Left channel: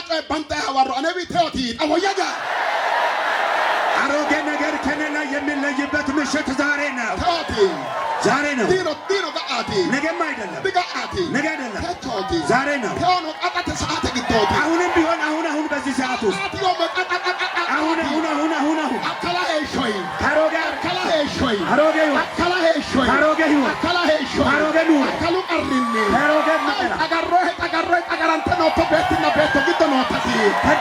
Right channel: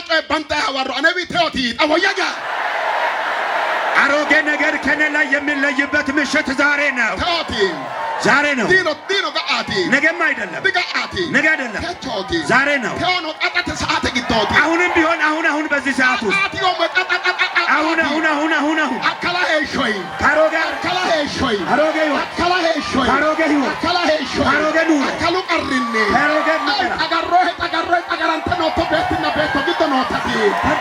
አራጮ ባንታ ያወሩ አነቢ ተውቲ አወያጋ አሮጌ ነገር ከኔ ላይ የሚለይበት ምሽት ዛሬ ነው። ተውቲ ዛሬ ነው። ዲኖ ጋአቲ ነገም አይደለም። ቢጋአቲ ነገ አይደለም። ተውቲ ዛሬ ነው። ተውኖ ቀጣተ ሰዓት ግቶቲ አሁንም ቢሆን አሁን በዚህ ሰዓት ውስጥ አሁን አከላ ሄሾይ ካሮጋ አከላ ሄሾይ አሮጌ አከላ ሄሾይ ካሮጌ ህይወት አከላ ሄሾይ ካሮጌ ኑሮ አከሉ ቀርኒ ካሮጌ መከራ አጋሮ አጋራንተ ነው ተበትና ቤቶ ግቶ ነው ተቲ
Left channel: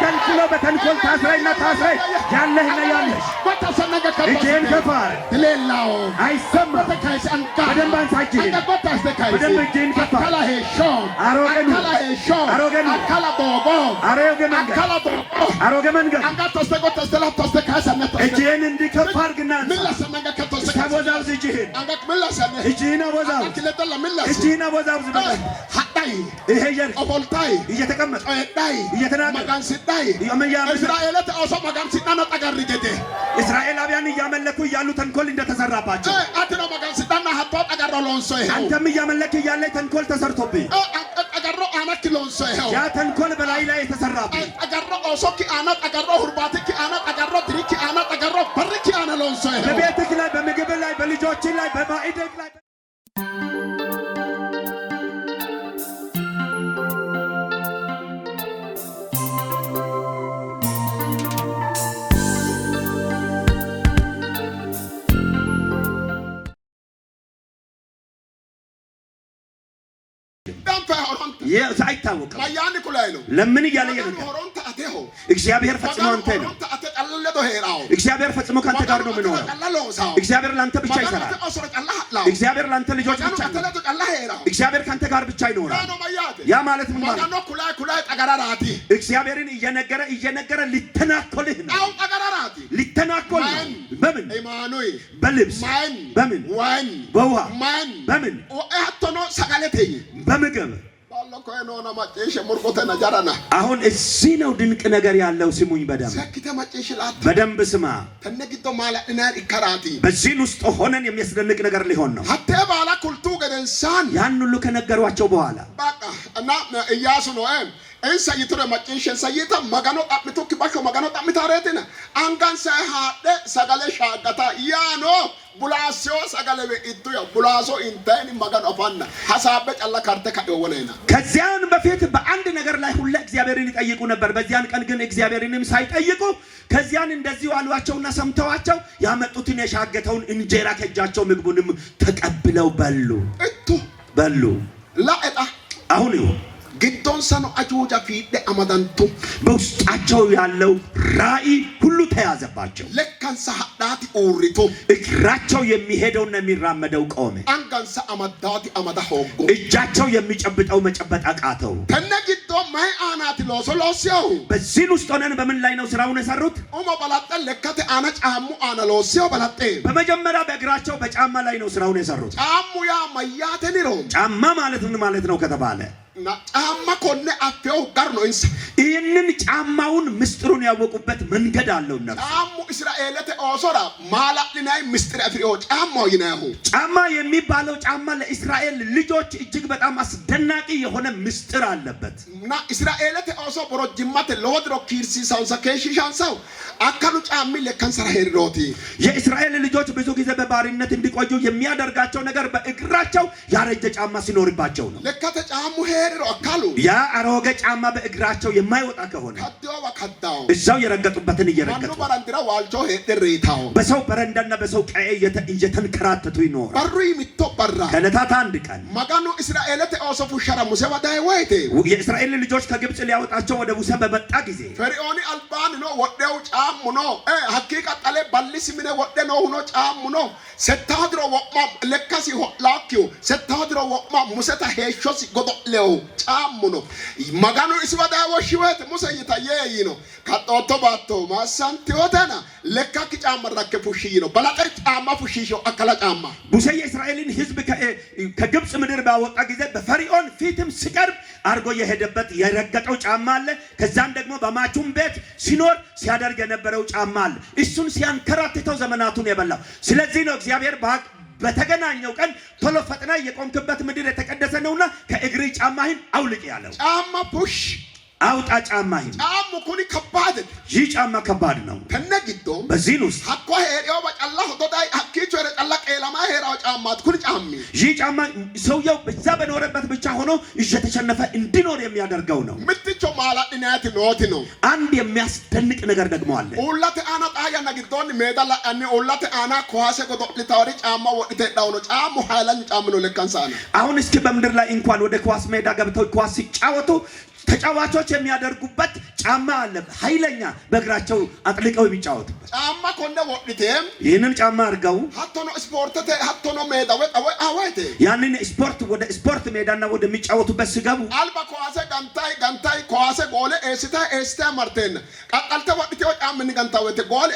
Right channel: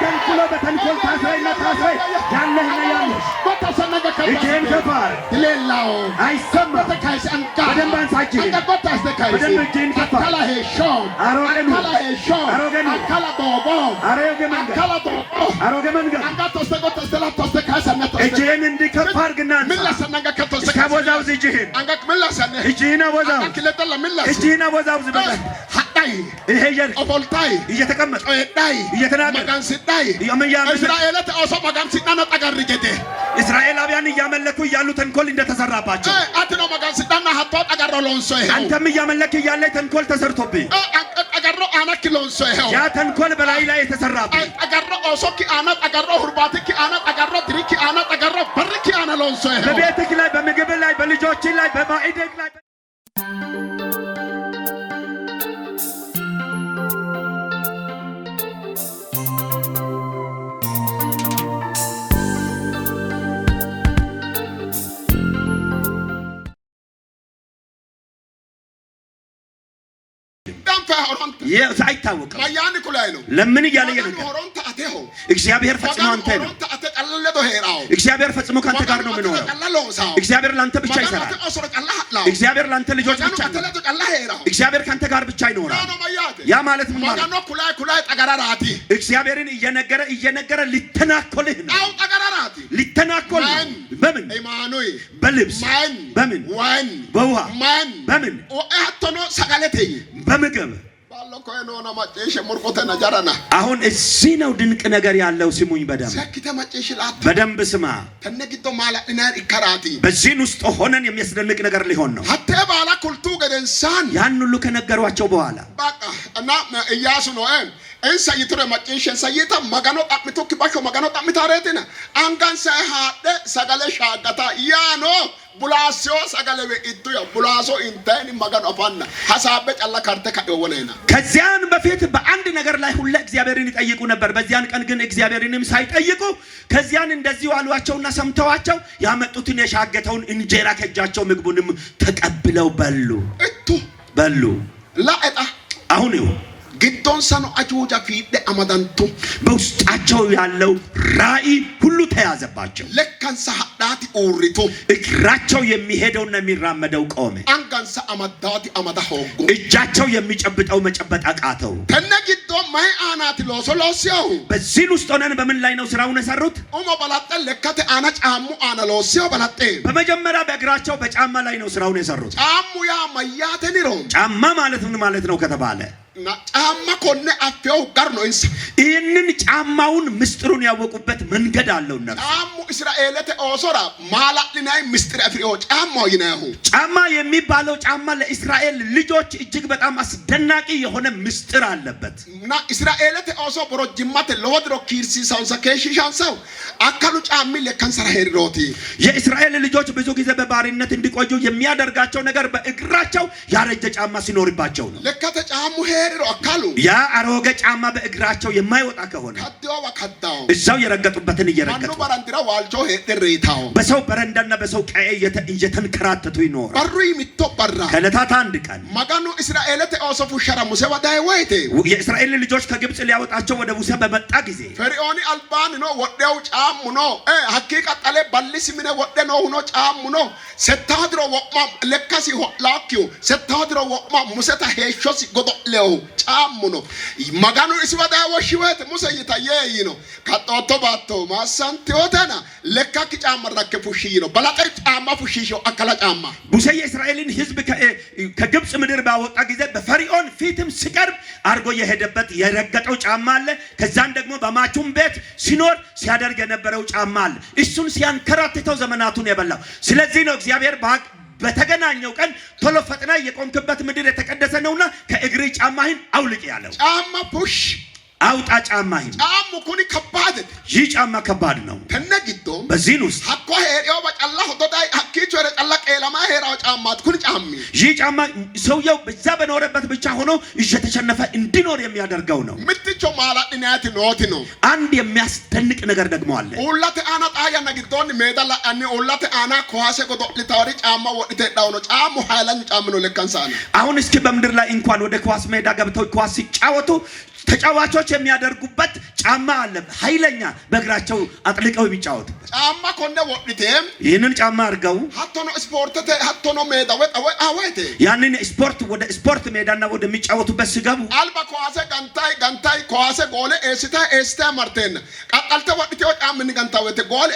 ተንኮል በተንኮል ታስረይ ያለህና ያለሽ ወታሰነገ እጄን ከፋር ሌላው አይሰማ ተካይስ አንካ በደንብ አንሳጅ አንቀቆታስ ተካይስ በደንብ እጄን ከፋር አከላ ሄሾ አሮጌ ኑሮ አከላ ሄሾ አሮጌ ኑሮ አከላ ቦቦ አሮጌ መንገድ አከላ ቦቦ አሮጌ መንገድ አንጋቶስ ተቆተስ ተካሰነተ እጄን እንዲከፍ አድርግና ምለሰነገ ከተስ ከወዛውዝ እጅህን አንጋክ ምለሰነ እጅህን ወዛው አክለተለ ምለሰ እጅህን ወዛውዝ በቃ ሀዳይ ይሄ የር ኦቦልታይ እየተቀመጠ ዳይ እየተናገረ መጋንሲዳይ ያመያም እስራኤል ተአሶ መጋንሲዳና ጠጋርገቴ እስራኤላውያን እያመለኩ እያሉ ተንኮል እንደተሰራባቸው አትኖ መጋንሲዳና ሀቶ ጠጋሮ ሎንሶ ይሄ አንተም እያመለክ እያለ ተንኮል ተሰርቶብህ ጠጋሮ አናክ ሎንሶ ይሄ ያ ተንኮል በላይ ላይ የተሰራብህ ጠጋሮ ኦሶኪ አና ጠጋሮ ሁርባቲኪ አና ጠጋሮ ድሪኪ አና ጠጋሮ በርኪ አና ሎንሶ ይሄ በቤትህ ላይ በምግብ ላይ በልጆች ላይ በማዕድህ ላይ ሳይታወቅም ለምን እያለ እግዚአብሔር ፈጽሞ አንተ ነው። እግዚአብሔር ፈጽሞ ካንተ ጋር ነው የምኖረው። እግዚአብሔር ላንተ ብቻ ይሰራል። እግዚአብሔር ላንተ ልጆች ብቻ ነው። እግዚአብሔር ካንተ ጋር ብቻ ይኖራል። ያ ማለት ምን ማለት ነው? እግዚአብሔርን እየነገረ ሊተናኮልህ ነው። ሊተናኮል በምን? በልብስ በምን? በውሃ በምን? በምግብ አሁን እዚህ ነው ድንቅ ነገር ያለው። ስሙኝ በደንብ ስማ። በዚህ ውስጥ ሆነን የሚያስደንቅ ነገር ሊሆን ነው። ያን ሁሉ ከነገሯቸው በኋላ እና ኢያሱ ነው እንሳ ይትረ ማጭንሸን ሳይታ ማጋኖ ጣምቶ kibaሾ ማጋኖ ጣምታረቴና አንጋን ሳይሃደ ሰጋለ ሻጋታ ያኖ ቡላሶ ሰጋለ በኢቱ ያ ቡላሶ እንተን ማጋኖ አፋና ሐሳበ ጫላ ካርተ ካወለና ከዚያን በፊት በአንድ ነገር ላይ ሁሉ እግዚአብሔርን ይጠይቁ ነበር። በዚያን ቀን ግን እግዚአብሔርንም ሳይጠይቁ ከዚያን እንደዚህ ዋሏቸውና ሰምተዋቸው ያመጡትን የሻገተውን እንጀራ ከጃቸው ምግቡንም ተቀብለው በሉ ላእጣ አሁን ይሁን ግዶን ሰኑ አጁጃ ፊደ አማዳንቱ በውስጣቸው ያለው ራእይ ሁሉ ተያዘባቸው። ለካንሳ ሀዳቲ ኦሪቶ እግራቸው የሚሄደውና የሚራመደው ቆመ። አንጋንሳ አማዳቲ አማዳ ሆጎ እጃቸው የሚጨብጠው መጨበጥ አቃተው። ተነግዶ ማይ አናት ሎሶሎሲው በዚህ ውስጥ ሆነን በምን ላይ ነው ስራውን የሰሩት? ኦሞ ባላጠ ለከተ አና ጫሙ አና ሎሲው ባላጠ በመጀመሪያ በእግራቸው በጫማ ላይ ነው ስራውን የሰሩት። ጫሙ ያ ማያተኒሮ ጫማ ማለት ምን ማለት ነው ከተባለ ጫማ ኮነ አፍያው ጋር ነው እንስ ይህንን ጫማውን ምስጢሩን ያወቁበት መንገድ አለው። ነፍስ ጫሙ እስራኤልተ ኦሶራ ማላልናይ ምስጢር አፍሪኦ ጫማው ይናሁ ጫማ የሚባለው ጫማ ለእስራኤል ልጆች እጅግ በጣም አስደናቂ የሆነ ምስጢር አለበት እና እስራኤልተ ኦሶ ብሮጅማት ለወድሮ ኪርሲ ሳውሰከሽሻንሳው አካሉ ጫሚ ለካንሰራ ሄሮቲ የእስራኤል ልጆች ብዙ ጊዜ በባሪነት እንዲቆዩ የሚያደርጋቸው ነገር በእግራቸው ያረጀ ጫማ ሲኖርባቸው ነው። ለካተ ጫሙ ሄሮ አካሉ ያ አሮጌ ጫማ በእግራቸው የማይወጣ ከሆነ እዛው የረገጡበትን እየረገጡ ባራንድራ ዋልጆ ሄድሬታው በሰው በረንዳና በሰው ቀይ እየተንከራተቱ ይኖራል። በሩ ይምቶበራ ከለታት አንድ ቀን ማጋኑ እስራኤልተ ኦሶፉ ሸራ ሙሴ ወዳይ ወይቴ የእስራኤል ልጆች ከግብጽ ሊያወጣቸው ወደ ሙሴ በመጣ ጊዜ ፈርዖን አልባን ነው ወደው ጫሙ ነው ሐቂቃ ጣለ ባልሲ ምን ወደ ነው ሆኖ ጫሙ ነው ሰታድሮ ወቅማ ለካሲ ላኪው ሰታድሮ ወቅማ ሙሴታ ሄሾስ ጎዶለው ጫሙ ነው ማጋኑ እስወዳ ወሽወት ሙሴ ይታየይ ነው ካጦቶ ባቶ ማሳንቲዮተና ለካኪ ጫማ ረከፉሽ ነው በላጠር ጫማ ፉሽሾ አከላ ጫማ ሙሴ የእስራኤልን ሕዝብ ከግብጽ ምድር ባወጣ ጊዜ በፈርዖን ፊትም ሲቀርብ አርጎ የሄደበት የረገጠው ጫማ አለ። ከዛን ደግሞ በማቹም ቤት ሲኖር ሲያደርግ የነበረው ጫማ አለ። እሱን ሲያንከራትተው ዘመናቱን የበላው። ስለዚህ ነው እግዚአብሔር በተገናኘው ቀን ቶሎ ፈጥና የቆምክበት ምድር የተቀደሰ ነውና ከእግሪ ጫማህን አውልቅ ያለው። ጫማ ፑሽ አውጣ ጫማህን ጫሙ ኩኒ ከባድ ይህ ጫማ ከባድ ነው ተነግዶ በዚህ ውስጥ አኮ ሄሪዮ በጫላ ሆዶዳይ አኪቹ ረጫላ ቀለማ ሄራው ጫማት ኩኒ ጫሚ ይህ ጫማ ሰውየው በዛ በኖረበት ብቻ ሆኖ እየተሸነፈ እንዲኖር የሚያደርገው ነው ምትቾ ማላድናት ኖት ነው አንድ የሚያስደንቅ ነገር ደግሞ አለ ኡላተ አና ጣያ ነግዶን ሜዳላ አኒ ኡላተ አና ኳሴ ጎዶ ሊታወሪ ጫማ ወጥተ ዳው ነው ጫሙ ሃይላን ጫም ነው ለካንሳና አሁን እስኪ በመድር ላይ እንኳን ወደ ኳስ ሜዳ ገብተው ኳስ ሲጫወቱ ተጫዋቾች የሚያደርጉበት ጫማ አለ ኃይለኛ በእግራቸው አጥልቀው የሚጫወቱ ጫማ ኮንደ ወጥቴም ይሄንን ጫማ አርገው ሀቶኖ ስፖርት ሀቶኖ ሜዳ አወይቴ ያንን ስፖርት ወደ ስፖርት ሜዳና ወደ የሚጫወቱበት ሲገቡ አልባ ኳሴ ጋንታይ ኳሴ ጎለ ኤስታ ማርቴን ቀቀልተ ወጥቴው ጫምን ጋንታወቴ ጎል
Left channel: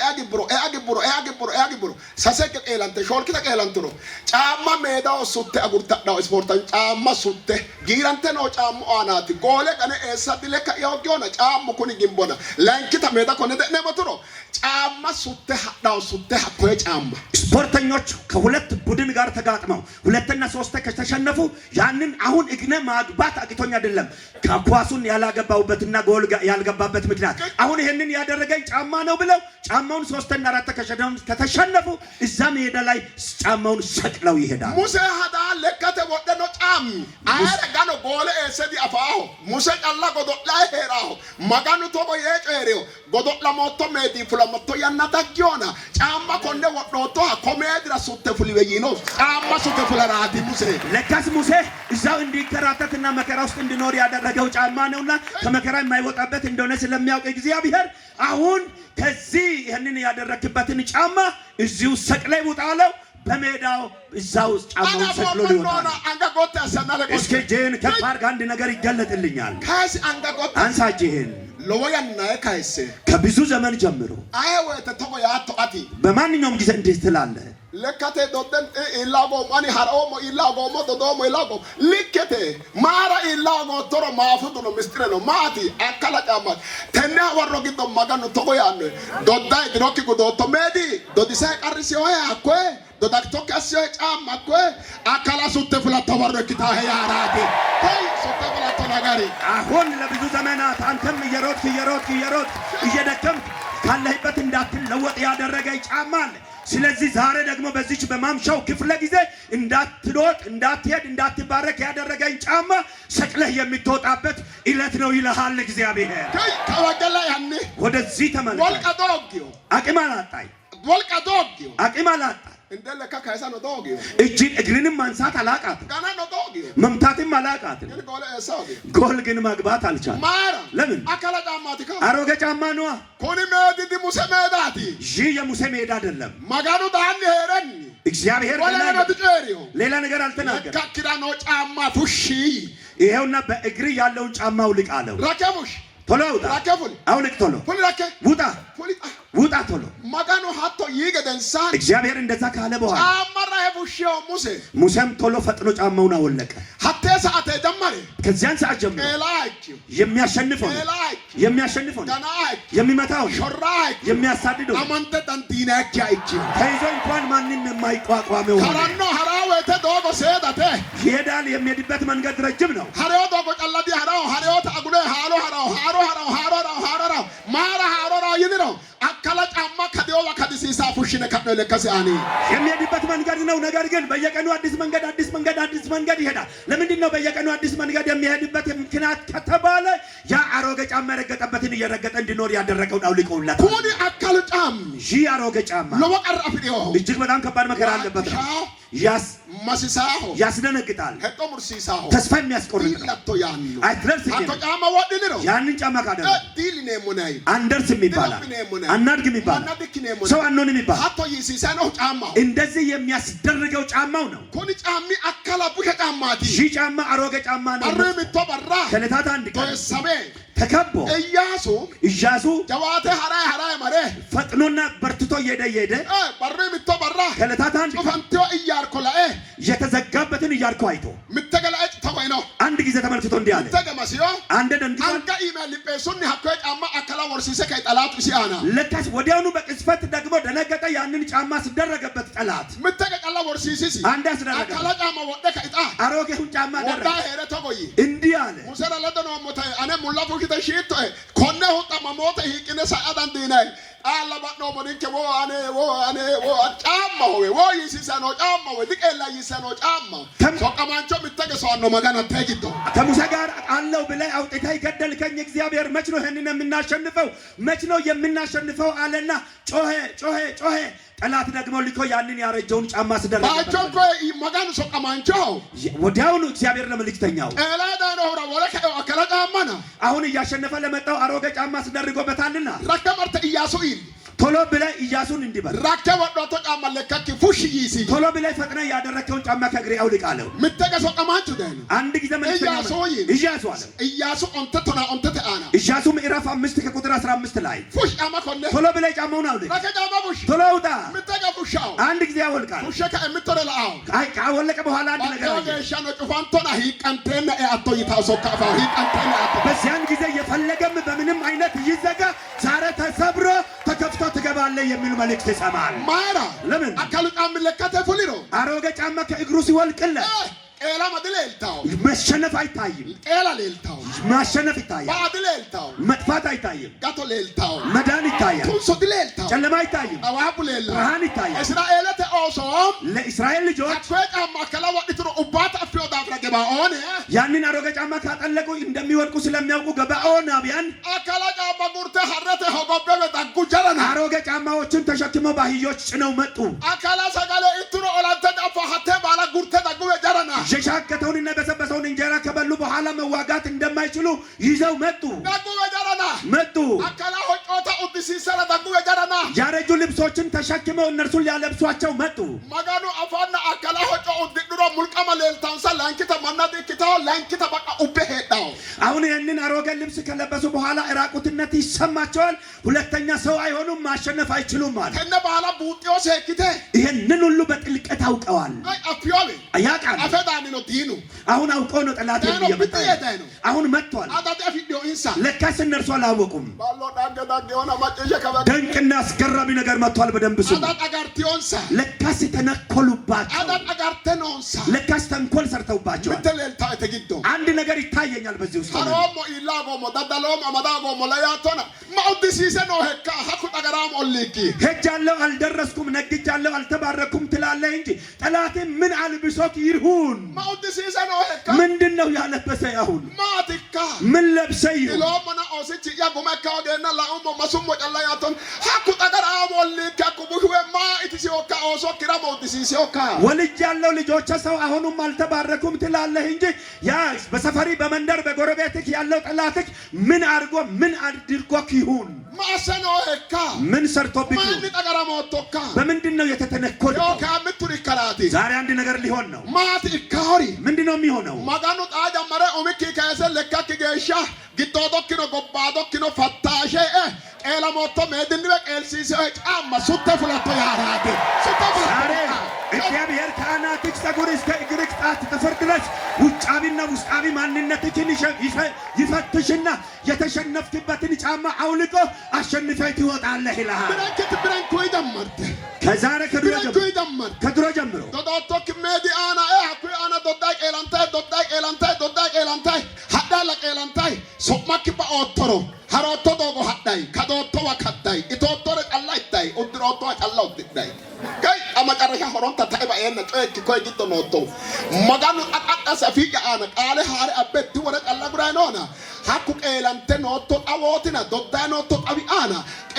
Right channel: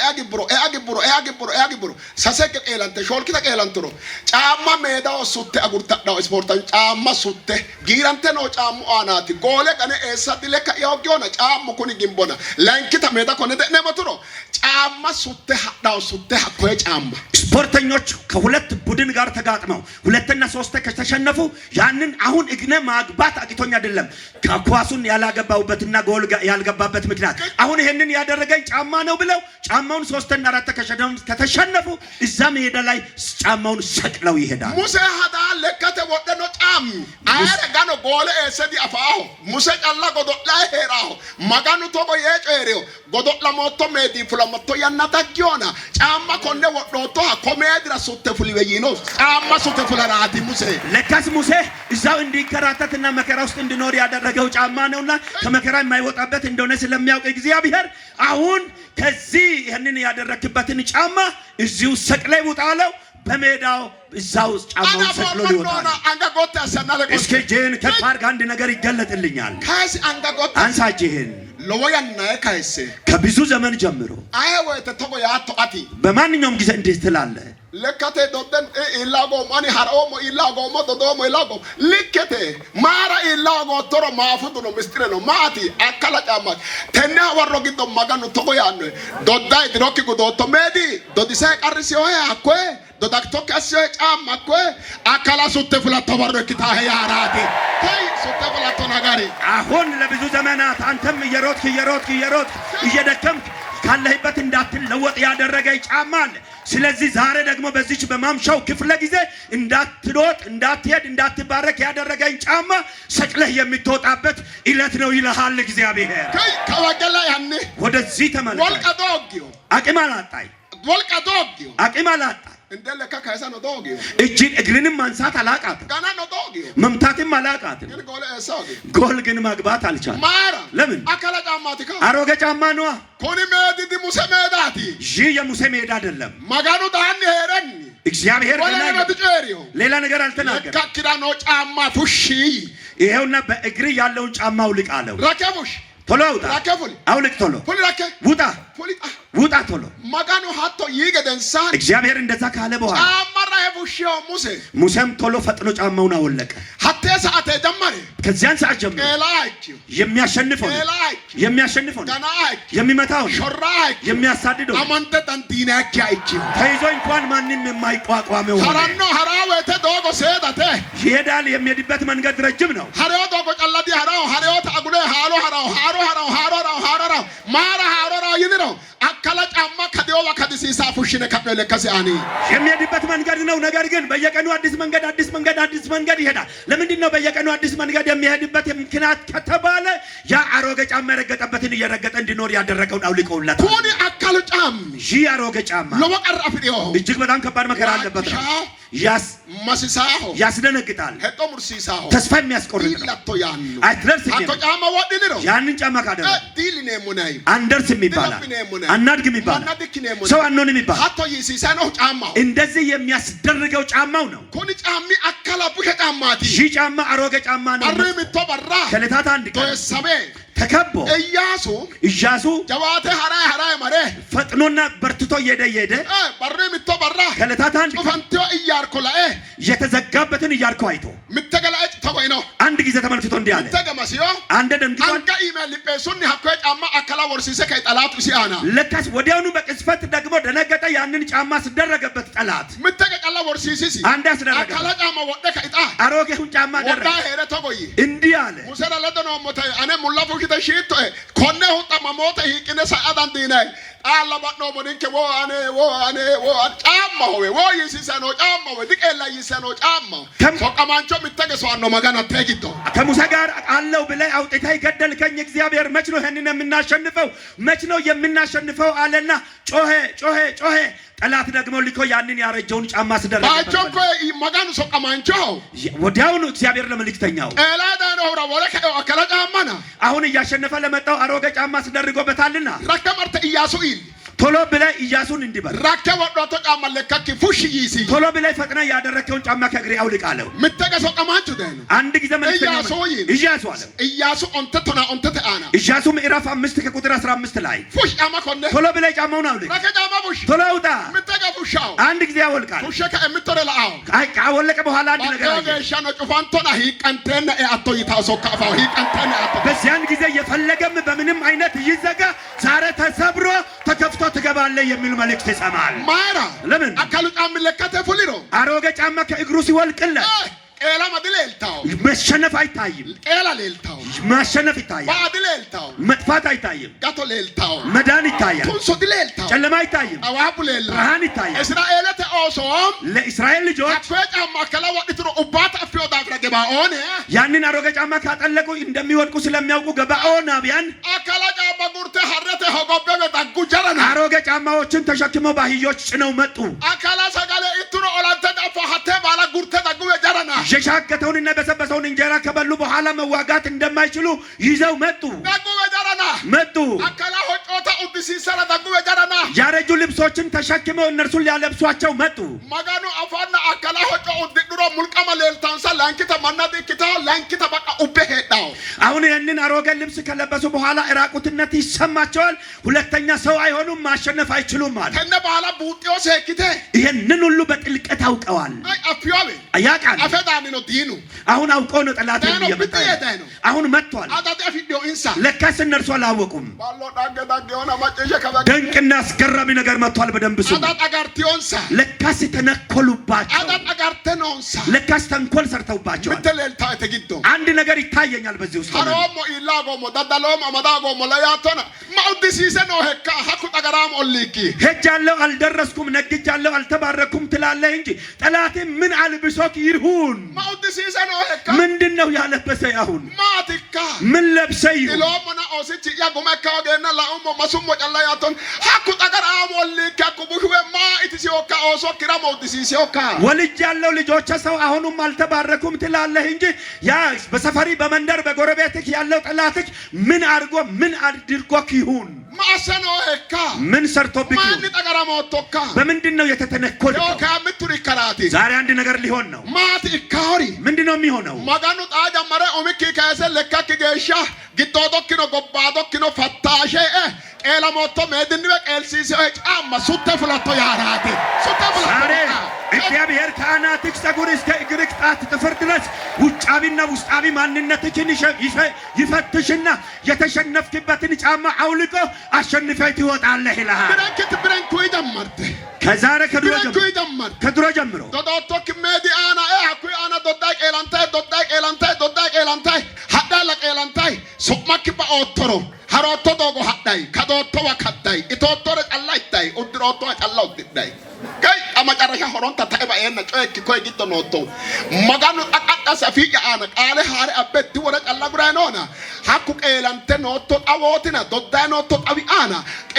ያግብሮ ሰሰቅ ቀላንተ ሾልኪ ተቀላንተሮ ጫማ ሜዳው ሱቴ አጉርታዳው ስፖርታን ጫማ ሱቴ ጊራንተ ነው ጫሙ አናቲ ጎለ ቀነ ኤሳ ዲለካ ያውቂውና ጫሙ ኩኒ ግንቦና ላንኪታ ሜዳ ኮነ ደነመቱሮ ጫማ ሱቴ ሀዳው ሱቴ ሀኮ ጫማ ስፖርተኞች ከሁለት ቡድን ጋር ተጋጥመው ሁለተኛ ሶስት ከተሸነፉ ያንን አሁን እግነ ማግባት አቂቶኛ አይደለም ከኳሱን ያላገባውበትና ጎል ያልገባበት ምክንያት አሁን ይሄንን ያደረገኝ ጫማ ነው ብለው ጫማውን ሶስተኛ አራት ከተሸነፉ እዛ ሜዳ ላይ ጫማውን ሰቅለው ይሄዳል ሙሴ ሀዳ ለከተ ወደኖ ጫም አረጋኖ ጎል ኤሰዲ አፋሁ ሙሴ ጫላ ጎዶላ ሄራሁ ማጋኑ ቶቆ የጨሪዮ ጎዶላ ሞቶ ሜዲ ፍለመቶ ያናታጊዮና ጫማ ኮንደ ወዶቶ ኮሜድራ ሱተ ፍልበይኖ ጫማ ሱተ ፍለራቲ ሙሴ ለካስ ሙሴ እዛው እንዲከራተትና መከራ ውስጥ እንዲኖር ያደረገው ጫማ ነውና ከመከራ የማይወጣበት እንደሆነ ስለሚያውቅ እግዚአብሔር አሁን ከዚህ ይሄንን ያደረክበትን ጫማ እዚው ሰቅላይ ውጣለው በሜዳው እዛው ጫማውን ሰቅሎ ሊወጣ አንጋጎት ያሰናለ እስኪ ጄን ከፋርጋ አንድ ነገር ይገለጥልኛል ካስ አንጋጎት አንሳጄን ለወያና ካይሴ ከብዙ ዘመን ጀምሮ አይወ ተተቆ ያቶ አቲ በማንኛውም ጊዜ እንዴት ትላለ ለካቴ ዶደን ኢላጎ ማኒ ሃሮሞ ኢላጎ ሞዶዶሞ ኢላጎ ልከቴ ማራ ኢላጎ ቶሮ ማፉዱ ነው ምስጥረ ነው ማቲ አካላ ጫማ ተና ወሮ ግዶ ማጋኑ ተቆ ያነ ዶዳይ ድሮኪ ጉዶቶ ሜዲ ዶዲሳ ቀርሲዮ ያኮ ዶዳክቶክ አስዮ ጫማ ኮ አካላ ሱተ ፍላቶ ወረክታ ያራቲ ታይ ሱተ ፍላቶ ናጋሪ አሁን ለብዙ ዘመናት አንተም እየሮጥክ እየደከምክ ካለህበት እንዳትለወጥ ያደረገ ጫማ አለ ስለዚህ ዛሬ ደግሞ በዚች በማምሻው ክፍለ ጊዜ እንዳትሮጥ እንዳትሄድ እንዳትባረክ ያደረገኝ ጫማ ሰቅለህ የምትወጣበት ኢለት ነው ይልሃል እግዚአብሔር ከወገላ ያኔ ወደዚህ ተመለስ ወልቀዶጊዮ አቂማላጣ እንደለካ ካይሳ ነው ዶጊዮ እጅግ እግርንም ማንሳት አላቃት ጋና ነው ዶጊዮ መምታትም አላቃት ጎል ግን ማግባት አልቻለም ማራ ለምን አካላ ጫማቲካ አሮጌ ጫማ ነው ኮኒ ሜዲ ሙሴ ሜዳቲ ይህ የሙሴ ሜዳ አይደለም ማጋኑ ዳን ሄረን እግዚአብሔር ሌላ ነገር አልተናገረም ካኪራ ነው ጫማ ፉሺ ይሄውና በእግር ያለውን ጫማ አውልቅ አለው ረከቡሽ ቶሎ ውጣ አውልቅ ቶሎ ውጣ ቶሎ ማጋኑ ሀቶ ይገደንሳ እግዚአብሔር እንደዛ ካለ በኋላ አማራ የቡሽዮ ሙሴም ቶሎ ፈጥኖ ጫማውን አወለቀ ሀቴ ሰዓት ጀመረ ከዚያን ሰዓት ጀምሮ የሚያሸንፈው የሚመታው የሚያሳድደው አማንተ ታንቲናኪ አይቺ ተይዞ እንኳን ማንንም የማይቋቋመው ሀራኖ ሀራወተ ዶጎ ሴዳተ ይሄዳል የሚሄድበት መንገድ ረጅም ነው ሀሬው ዶጎ ጨላዲ ሀራው ታጉለ ሃሮ ማራ ሃሮ ይድረው አካላ ጫማ ከዲዮባ ከዲሲሳ ፉሽነ ከበለ ከሲአኒ የሚሄድበት መንገድ ነው ነገር ግን በየቀኑ አዲስ መንገድ ይሄዳል ለምንድን ነው በየቀኑ አዲስ መንገድ የሚሄድበት ምክንያት ከተባለ ያ አሮጌ ጫማ ረገጠበትን እየረገጠ እንዲኖር ያደረገውን አውልቀውላት ኮኒ አካሉ ጫም ይህ አሮጌ ጫማ ለወቀር አፍዲዮ እጅግ በጣም ከባድ መከራ አለበት ማሲሳሁ ያስደነግጣል ሄጦ ሙርሲሳሁ ተስፋ የሚያስቆርጥ ለቶ ያን አትደርስም አቶ ጫማ ወድል ነው ያንን ጫማ ካደረ ዲልኔ ሙናይ አንደርስም ይባላል አናድግም ይባላል ሰው አንሆንም ይባላል አቶ ይሲሳ ነው ጫማው እንደዚህ የሚያስደርገው ጫማው ነው ኮኒ ጫሚ አካላ ቡሸ ጫማቲ ይህ ጫማ አሮጌ ጫማ ነው አረምቶ በራ ከለታት አንድ ቀን ሰበ ተከቦ ኢያሱ ጀዋተ ሀራይ ማሬ ፈጥኖና በርትቶ እየሄደ በረምቶ በራ ከለታት አንድ ፈንቲዮ ኢያርኮላኤ የተዘጋበትን ኢያሪኮ አይቶ ምተገላጭ ተቆይኖ አንድ ጊዜ ተመልክቶ እንዲህ አለ ተገማሲዮ አንደ ደንግጦ አንጋ ኢሜል ሊጴሱን ሀኮ ጫማ አካላ ወርሲሰ ከጠላቱ ሲአና ለካስ ወዲያውኑ በቅጽበት ደግሞ ደነገጠ ያንን ጫማ ሲደረገበት ጠላት ምተገቀላ ወርሲሲሲ አንድ ያስደረገ አካላ ጫማ ወደ ከይጣ አሮጌውን ጫማ ደረገ ወዳ ሄረ ተቆይ እንዲህ አለ ሙሰራ ለደኖ ሞተ አነ ሙላፉ kite shito konne hutta mamote hikine sa'adan dinay alla badno boninke wo ane chamma wo yisisano chamma wo dikela yisano chamma so qamancho mitege so anno magana tegito ከሙሳ ጋር አለው ብለህ አውጥተህ ገደልከኝ እግዚአብሔር መች ነው ይሄንን የምናሸንፈው መች ነው የምናሸንፈው አለና ጮሄ ጠላት ደግሞ ሊኮ ያንን ያረጀውን ጫማ አስደረገ ባቾኮ ማጋኑ ሰው ቀማንቾ ወዲያውኑ እግዚአብሔር ለመልእክተኛው ኤላዳ ነው ወረከ አከለ ጫማና አሁን እያሸነፈ ለመጣው አሮጌ ጫማ አስደርጎበታልና ረከመርተ ኢያሱ ኢል ቶሎ ብለህ ኢያሱን እንዲበል ረከወ ዶቶ ጫማ ለከክ ፉሽ ይሲ ቶሎ ብለህ ፈጥነ ያደረከውን ጫማ ከእግሬ አውልቅ አለው ምተገሶ ቀማንቾ ደነ አንድ ጊዜ ኢያሱ አለ ኢያሱ onte አና ኢያሱ ምዕራፍ 5 ከቁጥር 15 ላይ ፉሽ ጫማ ኮነ ቶሎ ብለህ ጫማውን አውልቅ ረከጫማ ፉሽ ቶሎ ውጣ ምተገፉሻው አንድ ጊዜ አወልቃል ፉሽ ከእምትረላው ካወለቀ በኋላ አንድ ነገር አለ ገሻነ ጩፋንቶና ሂቀንተነ አቶ ይታሶ ካፋው ሂቀንተነ አቶ በዚያን ጊዜ የፈለገም በምንም አይነት ይዘጋ ዛሬ ተሰብሮ ተከፍቶ ትገባለህ የሚል መልእክት ይሰማል ማራ ለምን አካሉ ጫማ ለከተ ፉሊሮ አሮጌ ጫማ ከእግሩ ሲወልቅለት ኤላ ማድለልታው መሸነፍ አይታይም ኤላ ለልታው ማሸነፍ ይታያል ባድለልታው መጥፋት አይታይም ጋቶ ለልታው መዳን ይታያል ኩንሶ ድለልታው ጨለማ አይታይም አዋቡ ለል ብርሃን ይታያል እስራኤል ተኦሶም ለእስራኤል ልጆች አኮ ጫማ ከላው ወጥቶ ኡባት አፍዮ ዳፍራ ገባኦን ያንን አሮጌ ጫማ ካጠለቁ እንደሚወድቁ ስለሚያውቁ ገባኦናውያን አካላ ጫማ ጉርተ ሐረተ ሆጎበበ ዳጉ ጀረና አሮጌ ጫማዎችን ተሸክመው ባህዮች ጭነው መጡ አካላ ሰጋለ ኢትሮ ኦላንተ ጫፋ ሐተ ባላ ጉርተ ዳጉ ጀረና የሻገተውንና በሰበሰውን እንጀራ ከበሉ በኋላ መዋጋት እንደማይችሉ ይዘው መጡ መጡ አካላ ሆጮታ ኡድሲሰራ ዳጉ ጀረና ያረጁ ልብሶችን ተሸክመው እነርሱን ሊያለብሷቸው መጡ ማጋኑ አፋና አካላ ሆጮ ኡድድሮ ሙልቀማ ለልታንሳ ላንኪታ ማናዲ ኪታ ላንኪታ በቃ ኡበሄዳው አሁን ይህንን አሮጌ ልብስ ከለበሱ በኋላ ራቁትነት ይሰማቸዋል ሁለተኛ ሰው አይሆኑም ማሸነፍ አይችሉም ማለት ከነ በኋላ ቡጢዮ ሰኪተ ይሄንን ሁሉ በጥልቀት አውቀዋል አፍዮቤ ያቃል አፈዳኒ ነው ዲኑ አሁን አውቀው ነው ጠላት የሚመጣ አሁን መጥቷል አዳጤ ፊዲዮ ኢንሳ ለካስ እነርሱ አላወቁም ባሎ ዳገ ሆነ ማጨሸ ከበ ድንቅና አስገራሚ ነገር መጥቷል በደንብ ስሙ አዳጣ ጋርቲዮንሳ ለካስ ተነኮሉባቸው አዳጣ ጋርተኖንሳ ለካስ ተንኮል ሰርተውባቸው ምትለልታ ተግዶ አንድ ነገር ይታየኛል በዚህ ውስጥ አሮሞ ኢላጎሞ ዳዳሎም አማዳጎሞ ለያቶና ማውዲሲሰ ነው ሄካ ሀኩ ጠገራም ኦሊኪ ሄጃለሁ አልደረስኩም ነግጃለሁ አልተባረኩም ትላለህ እንጂ ጠላት ምን አልብሶክ ይሁን ማውዲሲሰ ነው ሄካ ምንድነው ያለበሰ አሁን ማቲካ ምን ለብሰ ይሁን ኢሎሞና ኦሲቺ ያጎመካ ወገና ላኡሞ ማሱሞ ጨላያቶን ሀኩ ጠገራም ኦሊኪ ሀኩ ቡህዌ ማ ኢትሲዮካ ኦሶ ኪራ ማውዲሲሲዮካ ወልጃለሁ ልጆች ሰው አሁንም አልተባረኩም ትላለህ እንጂ ያ በሰፈሪ በመንደር በጎረቤትህ ያለው ጠላትህ ምን አድርጎክ ይሁን ማሰኖ ሄካ ምን ሰርቶብክ ማን ጠገራሞቶካ በምንድነው የተተነኮለው ዮካ ምቱሪ ከራቲ ዛሬ አንድ ነገር ሊሆን ነው ማት ኢካሪ ምንድነው የሚሆነው ማጋኑ ጣጃ መረ ኦሚኪ ካሰ ለካክ ገሻ ግጦዶክኖ ጎባዶክኖ ፈታሼ ኤላ ሞቶ መድን በቀልሲሲ ጫማ ሱተ ፍለቶ ያራቲ ሱተ ፍለቶ እግዚአብሔር ካህናትህ ጸጉር እስከ እግርህ ጣት ጥፍር ድረስ ውጫቢና ውስጣቢ ማንነትህን ይፈትሽና የተሸነፍክበትን ጫማ አውልቆ አሸንፈህ ትወጣለህ ይልሃል ብረንኩ ይደመርተ ከዛሬ ከድሮ ጀምሮ ዶዶቶክ ሜዲአና አኩ አና ዶዳቅ ኤላንታይ ሀዳላ ኤላንታይ ሶማክ ባኦቶሮ ሀሮቶ ዶጎ ሀዳይ ከዶቶ ወከዳይ ኢቶቶረ ጫላይታይ ኡድሮቶ ጫላ ኡድዳይ ከይ አማጨረሻ ሆሮን ተታይባ የነ ጮክ ኮይ ጊቶ ኖቶ ማጋኑ አቃቃሰ ፊያ አና ቃለ ሀረ አበቲ ወረ ጫላ ጉራ ነውና ሀኩ ኤላንተ ኖቶ አዎቲና ዶዳ ኖቶ አቢ አና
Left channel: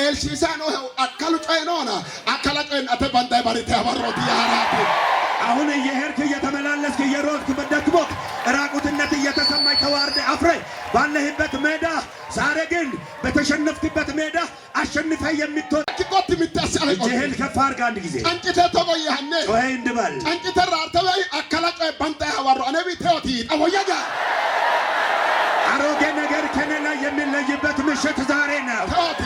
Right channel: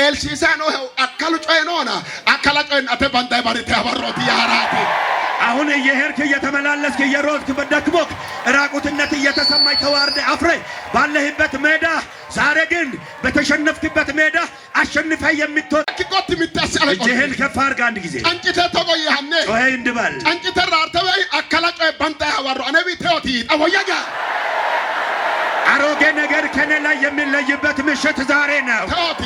ኤልሲሳ ነው አካሉ ጮይ ነውና አካላ ጮይ አተ ባንዳይ ባሪታ ያባሮት ያራቲ አሁን እየሄድክ እየተመላለስክ እየሮጥክ በደክሞክ ራቁትነት እየተሰማኝ ተዋርደ አፍሬ ባለህበት ሜዳ ዛሬ ግን በተሸነፍክበት ሜዳ አሸንፈ የምትወጣ ኪቆት ምታሳለ እጅህን ከፍ አድርግ አንድ ጊዜ አንጭተ ተቆያነ ጮይ እንድበል አንጭተ ራርተበይ አካላጨ ባንታ ያባሮ አነቢ ተውቲ አወያጋ አሮጌ ነገር ከኔ ላይ የሚለይበት ምሽት ዛሬ ነው ተውቲ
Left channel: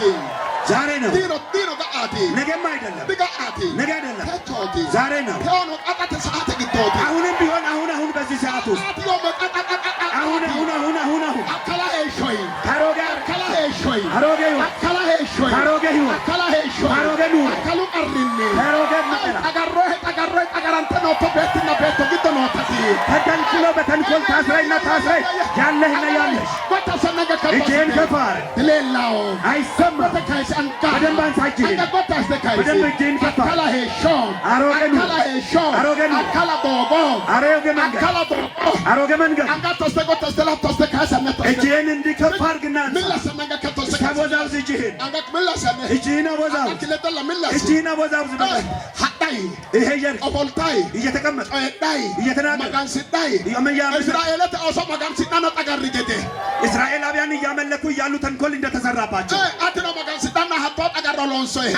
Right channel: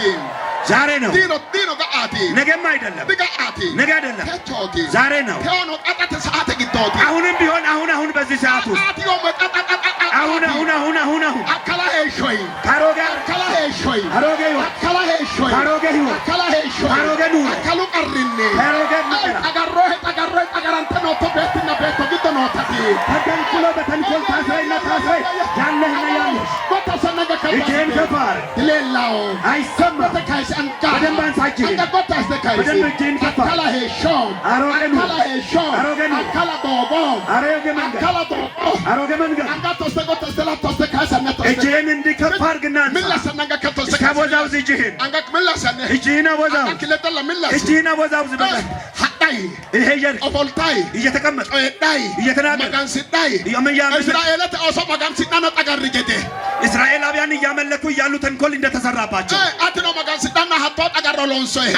ዛሬ ነው ዲኖ ጋአቲ ነገም አይደለም ጋአቲ ነገ አይደለም ተውቲ ዛሬ ነው ተውኖ አጣተ ሰዓት ግቶቲ አሁንም ቢሆን አሁን በዚህ ሰዓት ውስጥ አሁን አካላ ሄሾይ ታሮጋ አካላ ሄሾይ አሮጌ አካላ ሄሾይ አሮጌ አካላ ሄሾይ አሮጌ ኑ አካሉ ቀርኔ አሮጌ ንቀራ ጠጋራንተ ነው ተበትና ቤት ግቶ ነው ተቲ ተተንኩሎ በተንኮል ታስረይና ታስረይ ያለህና ያለሽ እጄን ከፋር ሌላው አይሰማ በደንብ አንሳጅህ በደንብ እጄን ከፋር አሮጌ መንገድ እጅህን እንዲከፍ አድርግና እስካወዛውዝ እጅህን አወዛውዝ እጅህን አወዛውዝ ይሄ እየተቀመጠ እስራኤላውያን እያመለኩ እያሉ ተንኮል እንደተሰራባቸው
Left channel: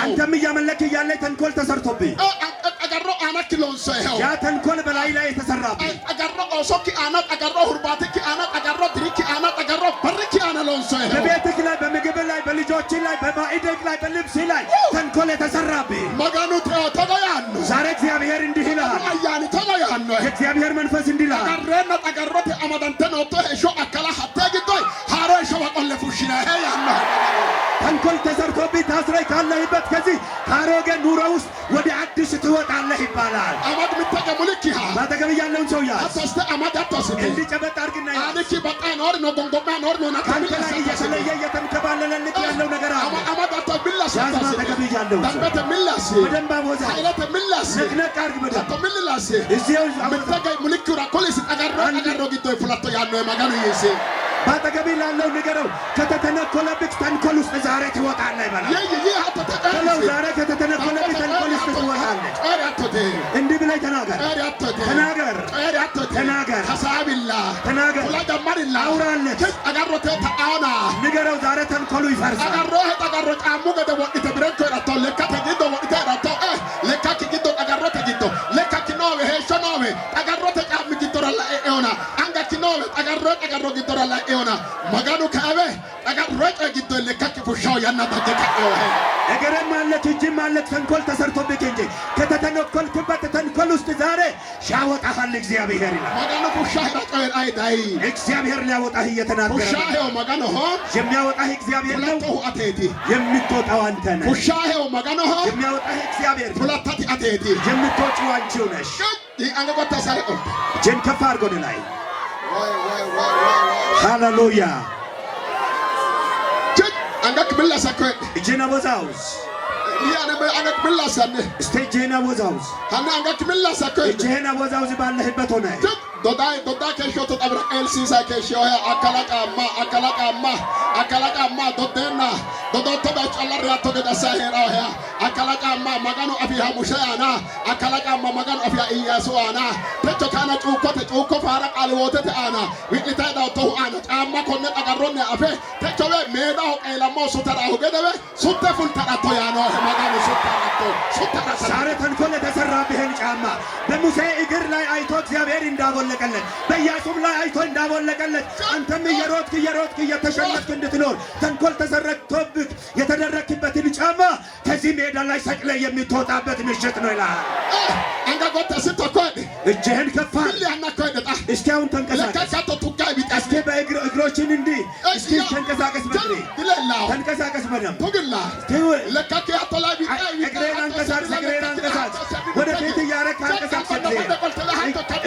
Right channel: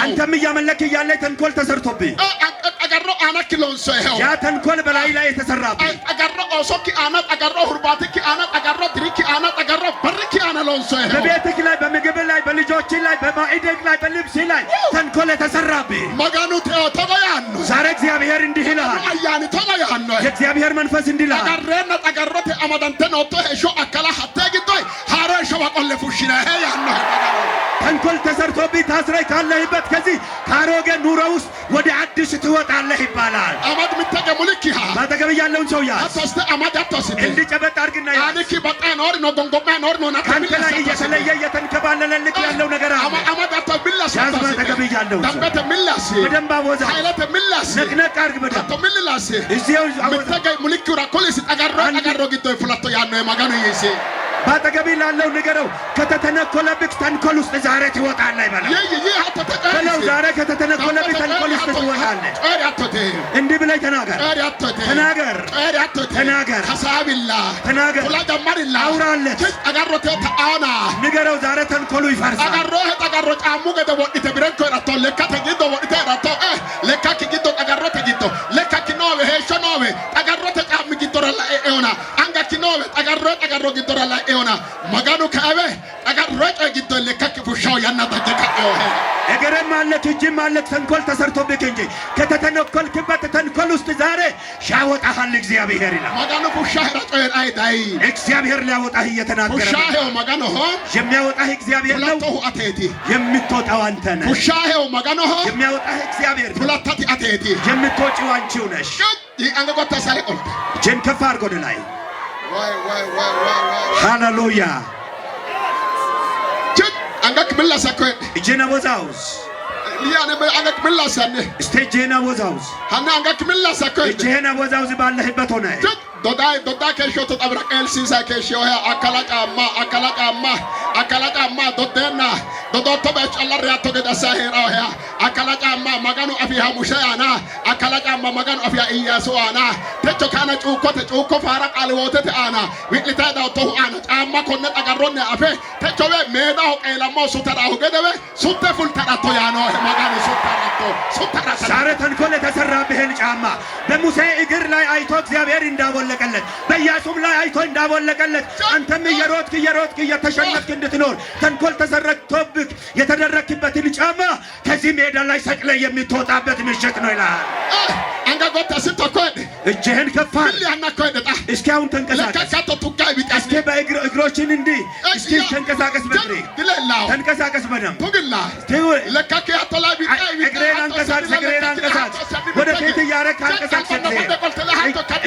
አንተም እያመለክ እያለ ተንኮል ተሰርቶብህ ያ ተንኮል በላይ ላይ የተሰራብህ በቤትህ ላይ በምግብ ላይ በልጆች ላይ በማዕድህ ላይ በልብስ ላይ ተንኮል የተሰራብህ ዛሬ እግዚአብሔር እንዲህ ይልሃል። የእግዚአብሔር መንፈስ እንዲህ ይልሃል። ተንኮል ተሰርቶብህ ታስረህ ካለህበት ከዚህ ከአሮጌ ኑሮ ውስጥ ወደ አዲስ ትወጣለህ ይባላል። ባጠገብህ ያለውን ሰው ያዝ፣ እንዲጨበጥ አድርግና ያዝ። ከአንተ ላይ እየተለየ እየተንከባለለልህ ያለው ነገር አለ። ያዝ ባጠገብህ ያለውን ሰው በደንብ አወዛው፣ ነቅነቅ አድርግ በደንብ ባጠገቤ ላለው ንገረው፣ ከተተነኮለብህ ተንኮል ውስጥ ዛሬ ትወጣለህ ይበላል። ዛሬ ከተተነኮለብህ ተንኮል ውስጥ ትወጣለህ። እንዲህ ብለህ ተናገር፣ አውራለት፣ ንገረው፣ ዛሬ ተንኮሉ ይፈርሳል። እግርም አለች እጅም አለች ተንኮል ተሰርቶብህ እንጂ ከተተነኮልክበት ተንኮል ውስጥ ዛሬ ያወጣሃል እግዚአብሔር ይላል። እግዚአብሔር ሊያወጣህ እየተናገረ የሚያወጣህ እግዚአብሔር ነው። የምትወጣው አንተ ነህ። የሚያወጣህ እግዚአብሔር የምትወጪው አንቺው ነሽ። እጅን ከፍ አድርጎ ወደ ላይ ሃሌሉያ። እጅን አወዛውዝ እጅህን አወዛውዝ ባለህበት ሆነ dodaa keeshoo xabra qeelsiisaa keeshoo akkalaqamma dodeenna dodotto beecallarri hatto gedasaa heeraa akkalaqamma maganu afiha musheyaana akkalaqamma maganu afiha iyyaasu aana techo kana cuukko faara qaaliwootete aana wi'litee daawtohu aana caamma konne dhagarronne afe techo we meedaho qeelammoo sutadhahu gedewe sutte fultadhatto yaanoo maganu suttadhatto ዛሬ ተንኮል የተሰራብህን ጫማ በሙሴ እግር ላይ አይቶ እግዚአብሔር እንዳቦለቀለት በኢያሱም ላይ አይቶ እንዳቦለቀለት አንተም እየሮጥክ እየተሸነፍክ እንድትኖር ተንኮል ተሰረክቶብህ የተደረክበትን ጫማ ከዚህ ሜዳ ላይ ሰቅለ የምትወጣበት ምሽት ነው ይላል። እጅህን ከፍ አድርግ። እስኪ አሁን ተንቀሳቀስ። እስኪ በእግሮችን እንዲህ እስኪ ተንቀሳቀስ። በእግሬ ተንቀሳቀስ በደንብ እግሬን አንቀሳቅስ። ወደ ፊት እያረክ አንቀሳቅስ።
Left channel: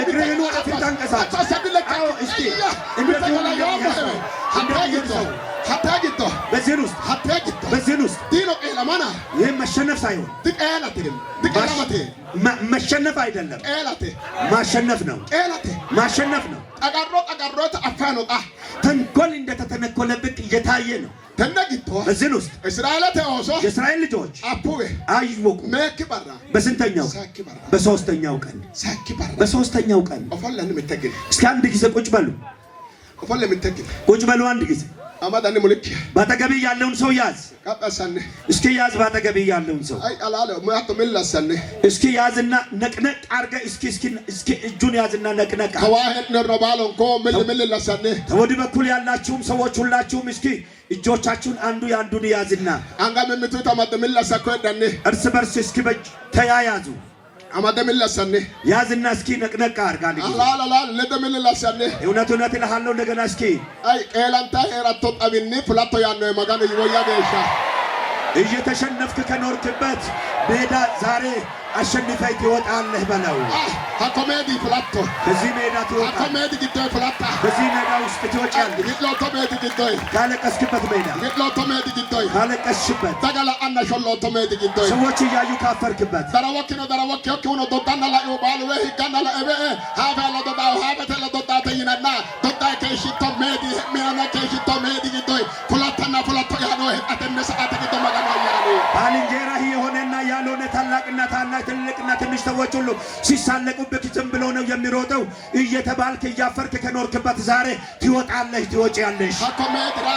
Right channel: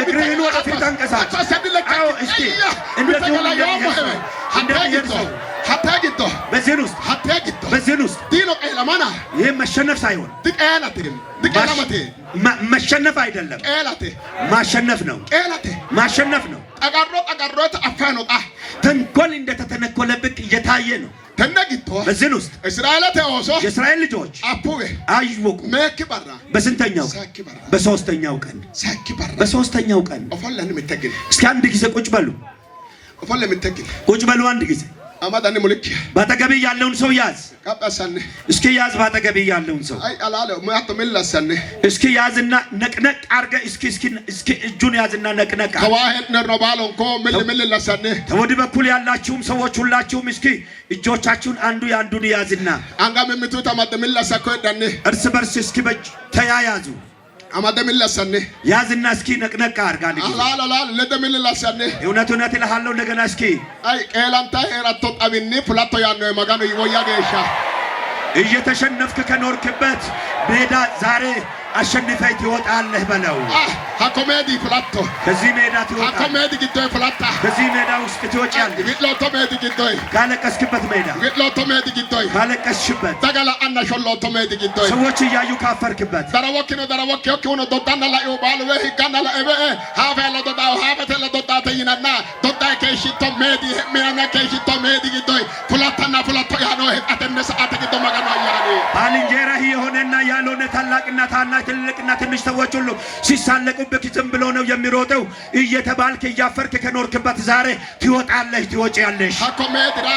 እግርህን ወደ ፊት አንቀሳቅስ። እስኪ እንደዚህ ሰው በዚህ ውስጥ ይህ መሸነፍ ሳይሆን መሸነፍ አይደለም፣ ማሸነፍ ነው። ተንኮል እንደተተነኮለብህ እየታየ ነው። በዚህ ውስጥ የእስራኤል ልጆች አወቁ። በስንተኛው? በሶስተኛው ቀን። እስኪ አንድ ጊዜ ቁጭ በሉ አንድ ጊዜ። ባጠገብህ ያለውን ሰው ያዝ። እስኪ ያዝ። ባጠገብህ ያለውን ሰው እስኪ ያዝና ነቅነቅ አድርገህ እስኪ እጁን ያዝና ነቅነቅ። ወዲህ በኩል ያላችሁም ሰዎች ሁላችሁም እስኪ እጆቻችሁን አንዱ ያንዱን ያዝና እርስ በርስ እስኪ በእጅ ተያያዙ። ያዝና እስኪ ነቅነቅ አድርጋ እውነት እልሃለሁ እንደገና እስኪ እየተሸነፍክ ከኖርክበት ሜዳ ዛሬ አሸንፈህ ትወጣለህ በለው። ሀኮሜዲ ፍላቶ ከዚህ ሜዳ ትወጣለህ። ሀኮሜዲ ግዶይ ፍላታ ከዚህ ሜዳ ውስጥ ትወጫለህ። ዊሎቶ ሜዲ ግዶይ ካለቀስክበት ሜዳ ዊሎቶ ሜዲ ግዶይ ካለቀስሽበት ተገላ አና ሾሎቶ ሜዲ ግዶይ ሰዎች እያዩ ካፈርክበት ደረወኪኖ ሆኖ ዶዳና ላይ ባሉ ወይ ጋና ላይ ሀፈ ለዶዳው ሀፈተ ለዶዳ ተይናና ዶዳ ከሽቶ ሜዲ ሜና ከሽቶ ሜዲ ግዶይ ፍላታና ፍላቶ ያኖ አተነ ሰዓት ግዶ ማጋና ያኒ ባልንጀራህ የሆነና ያልሆነ ታላቅና ታናሽ ትልቅና ትንሽ ሰዎች ሁሉ ሲሳለቁብህ ዝም ብሎ ነው የሚሮጠው እየተባልክ እያፈርክ ከኖርክበት ዛሬ ትወጣለህ ትወጪያለሽ። ሀኮሜድራ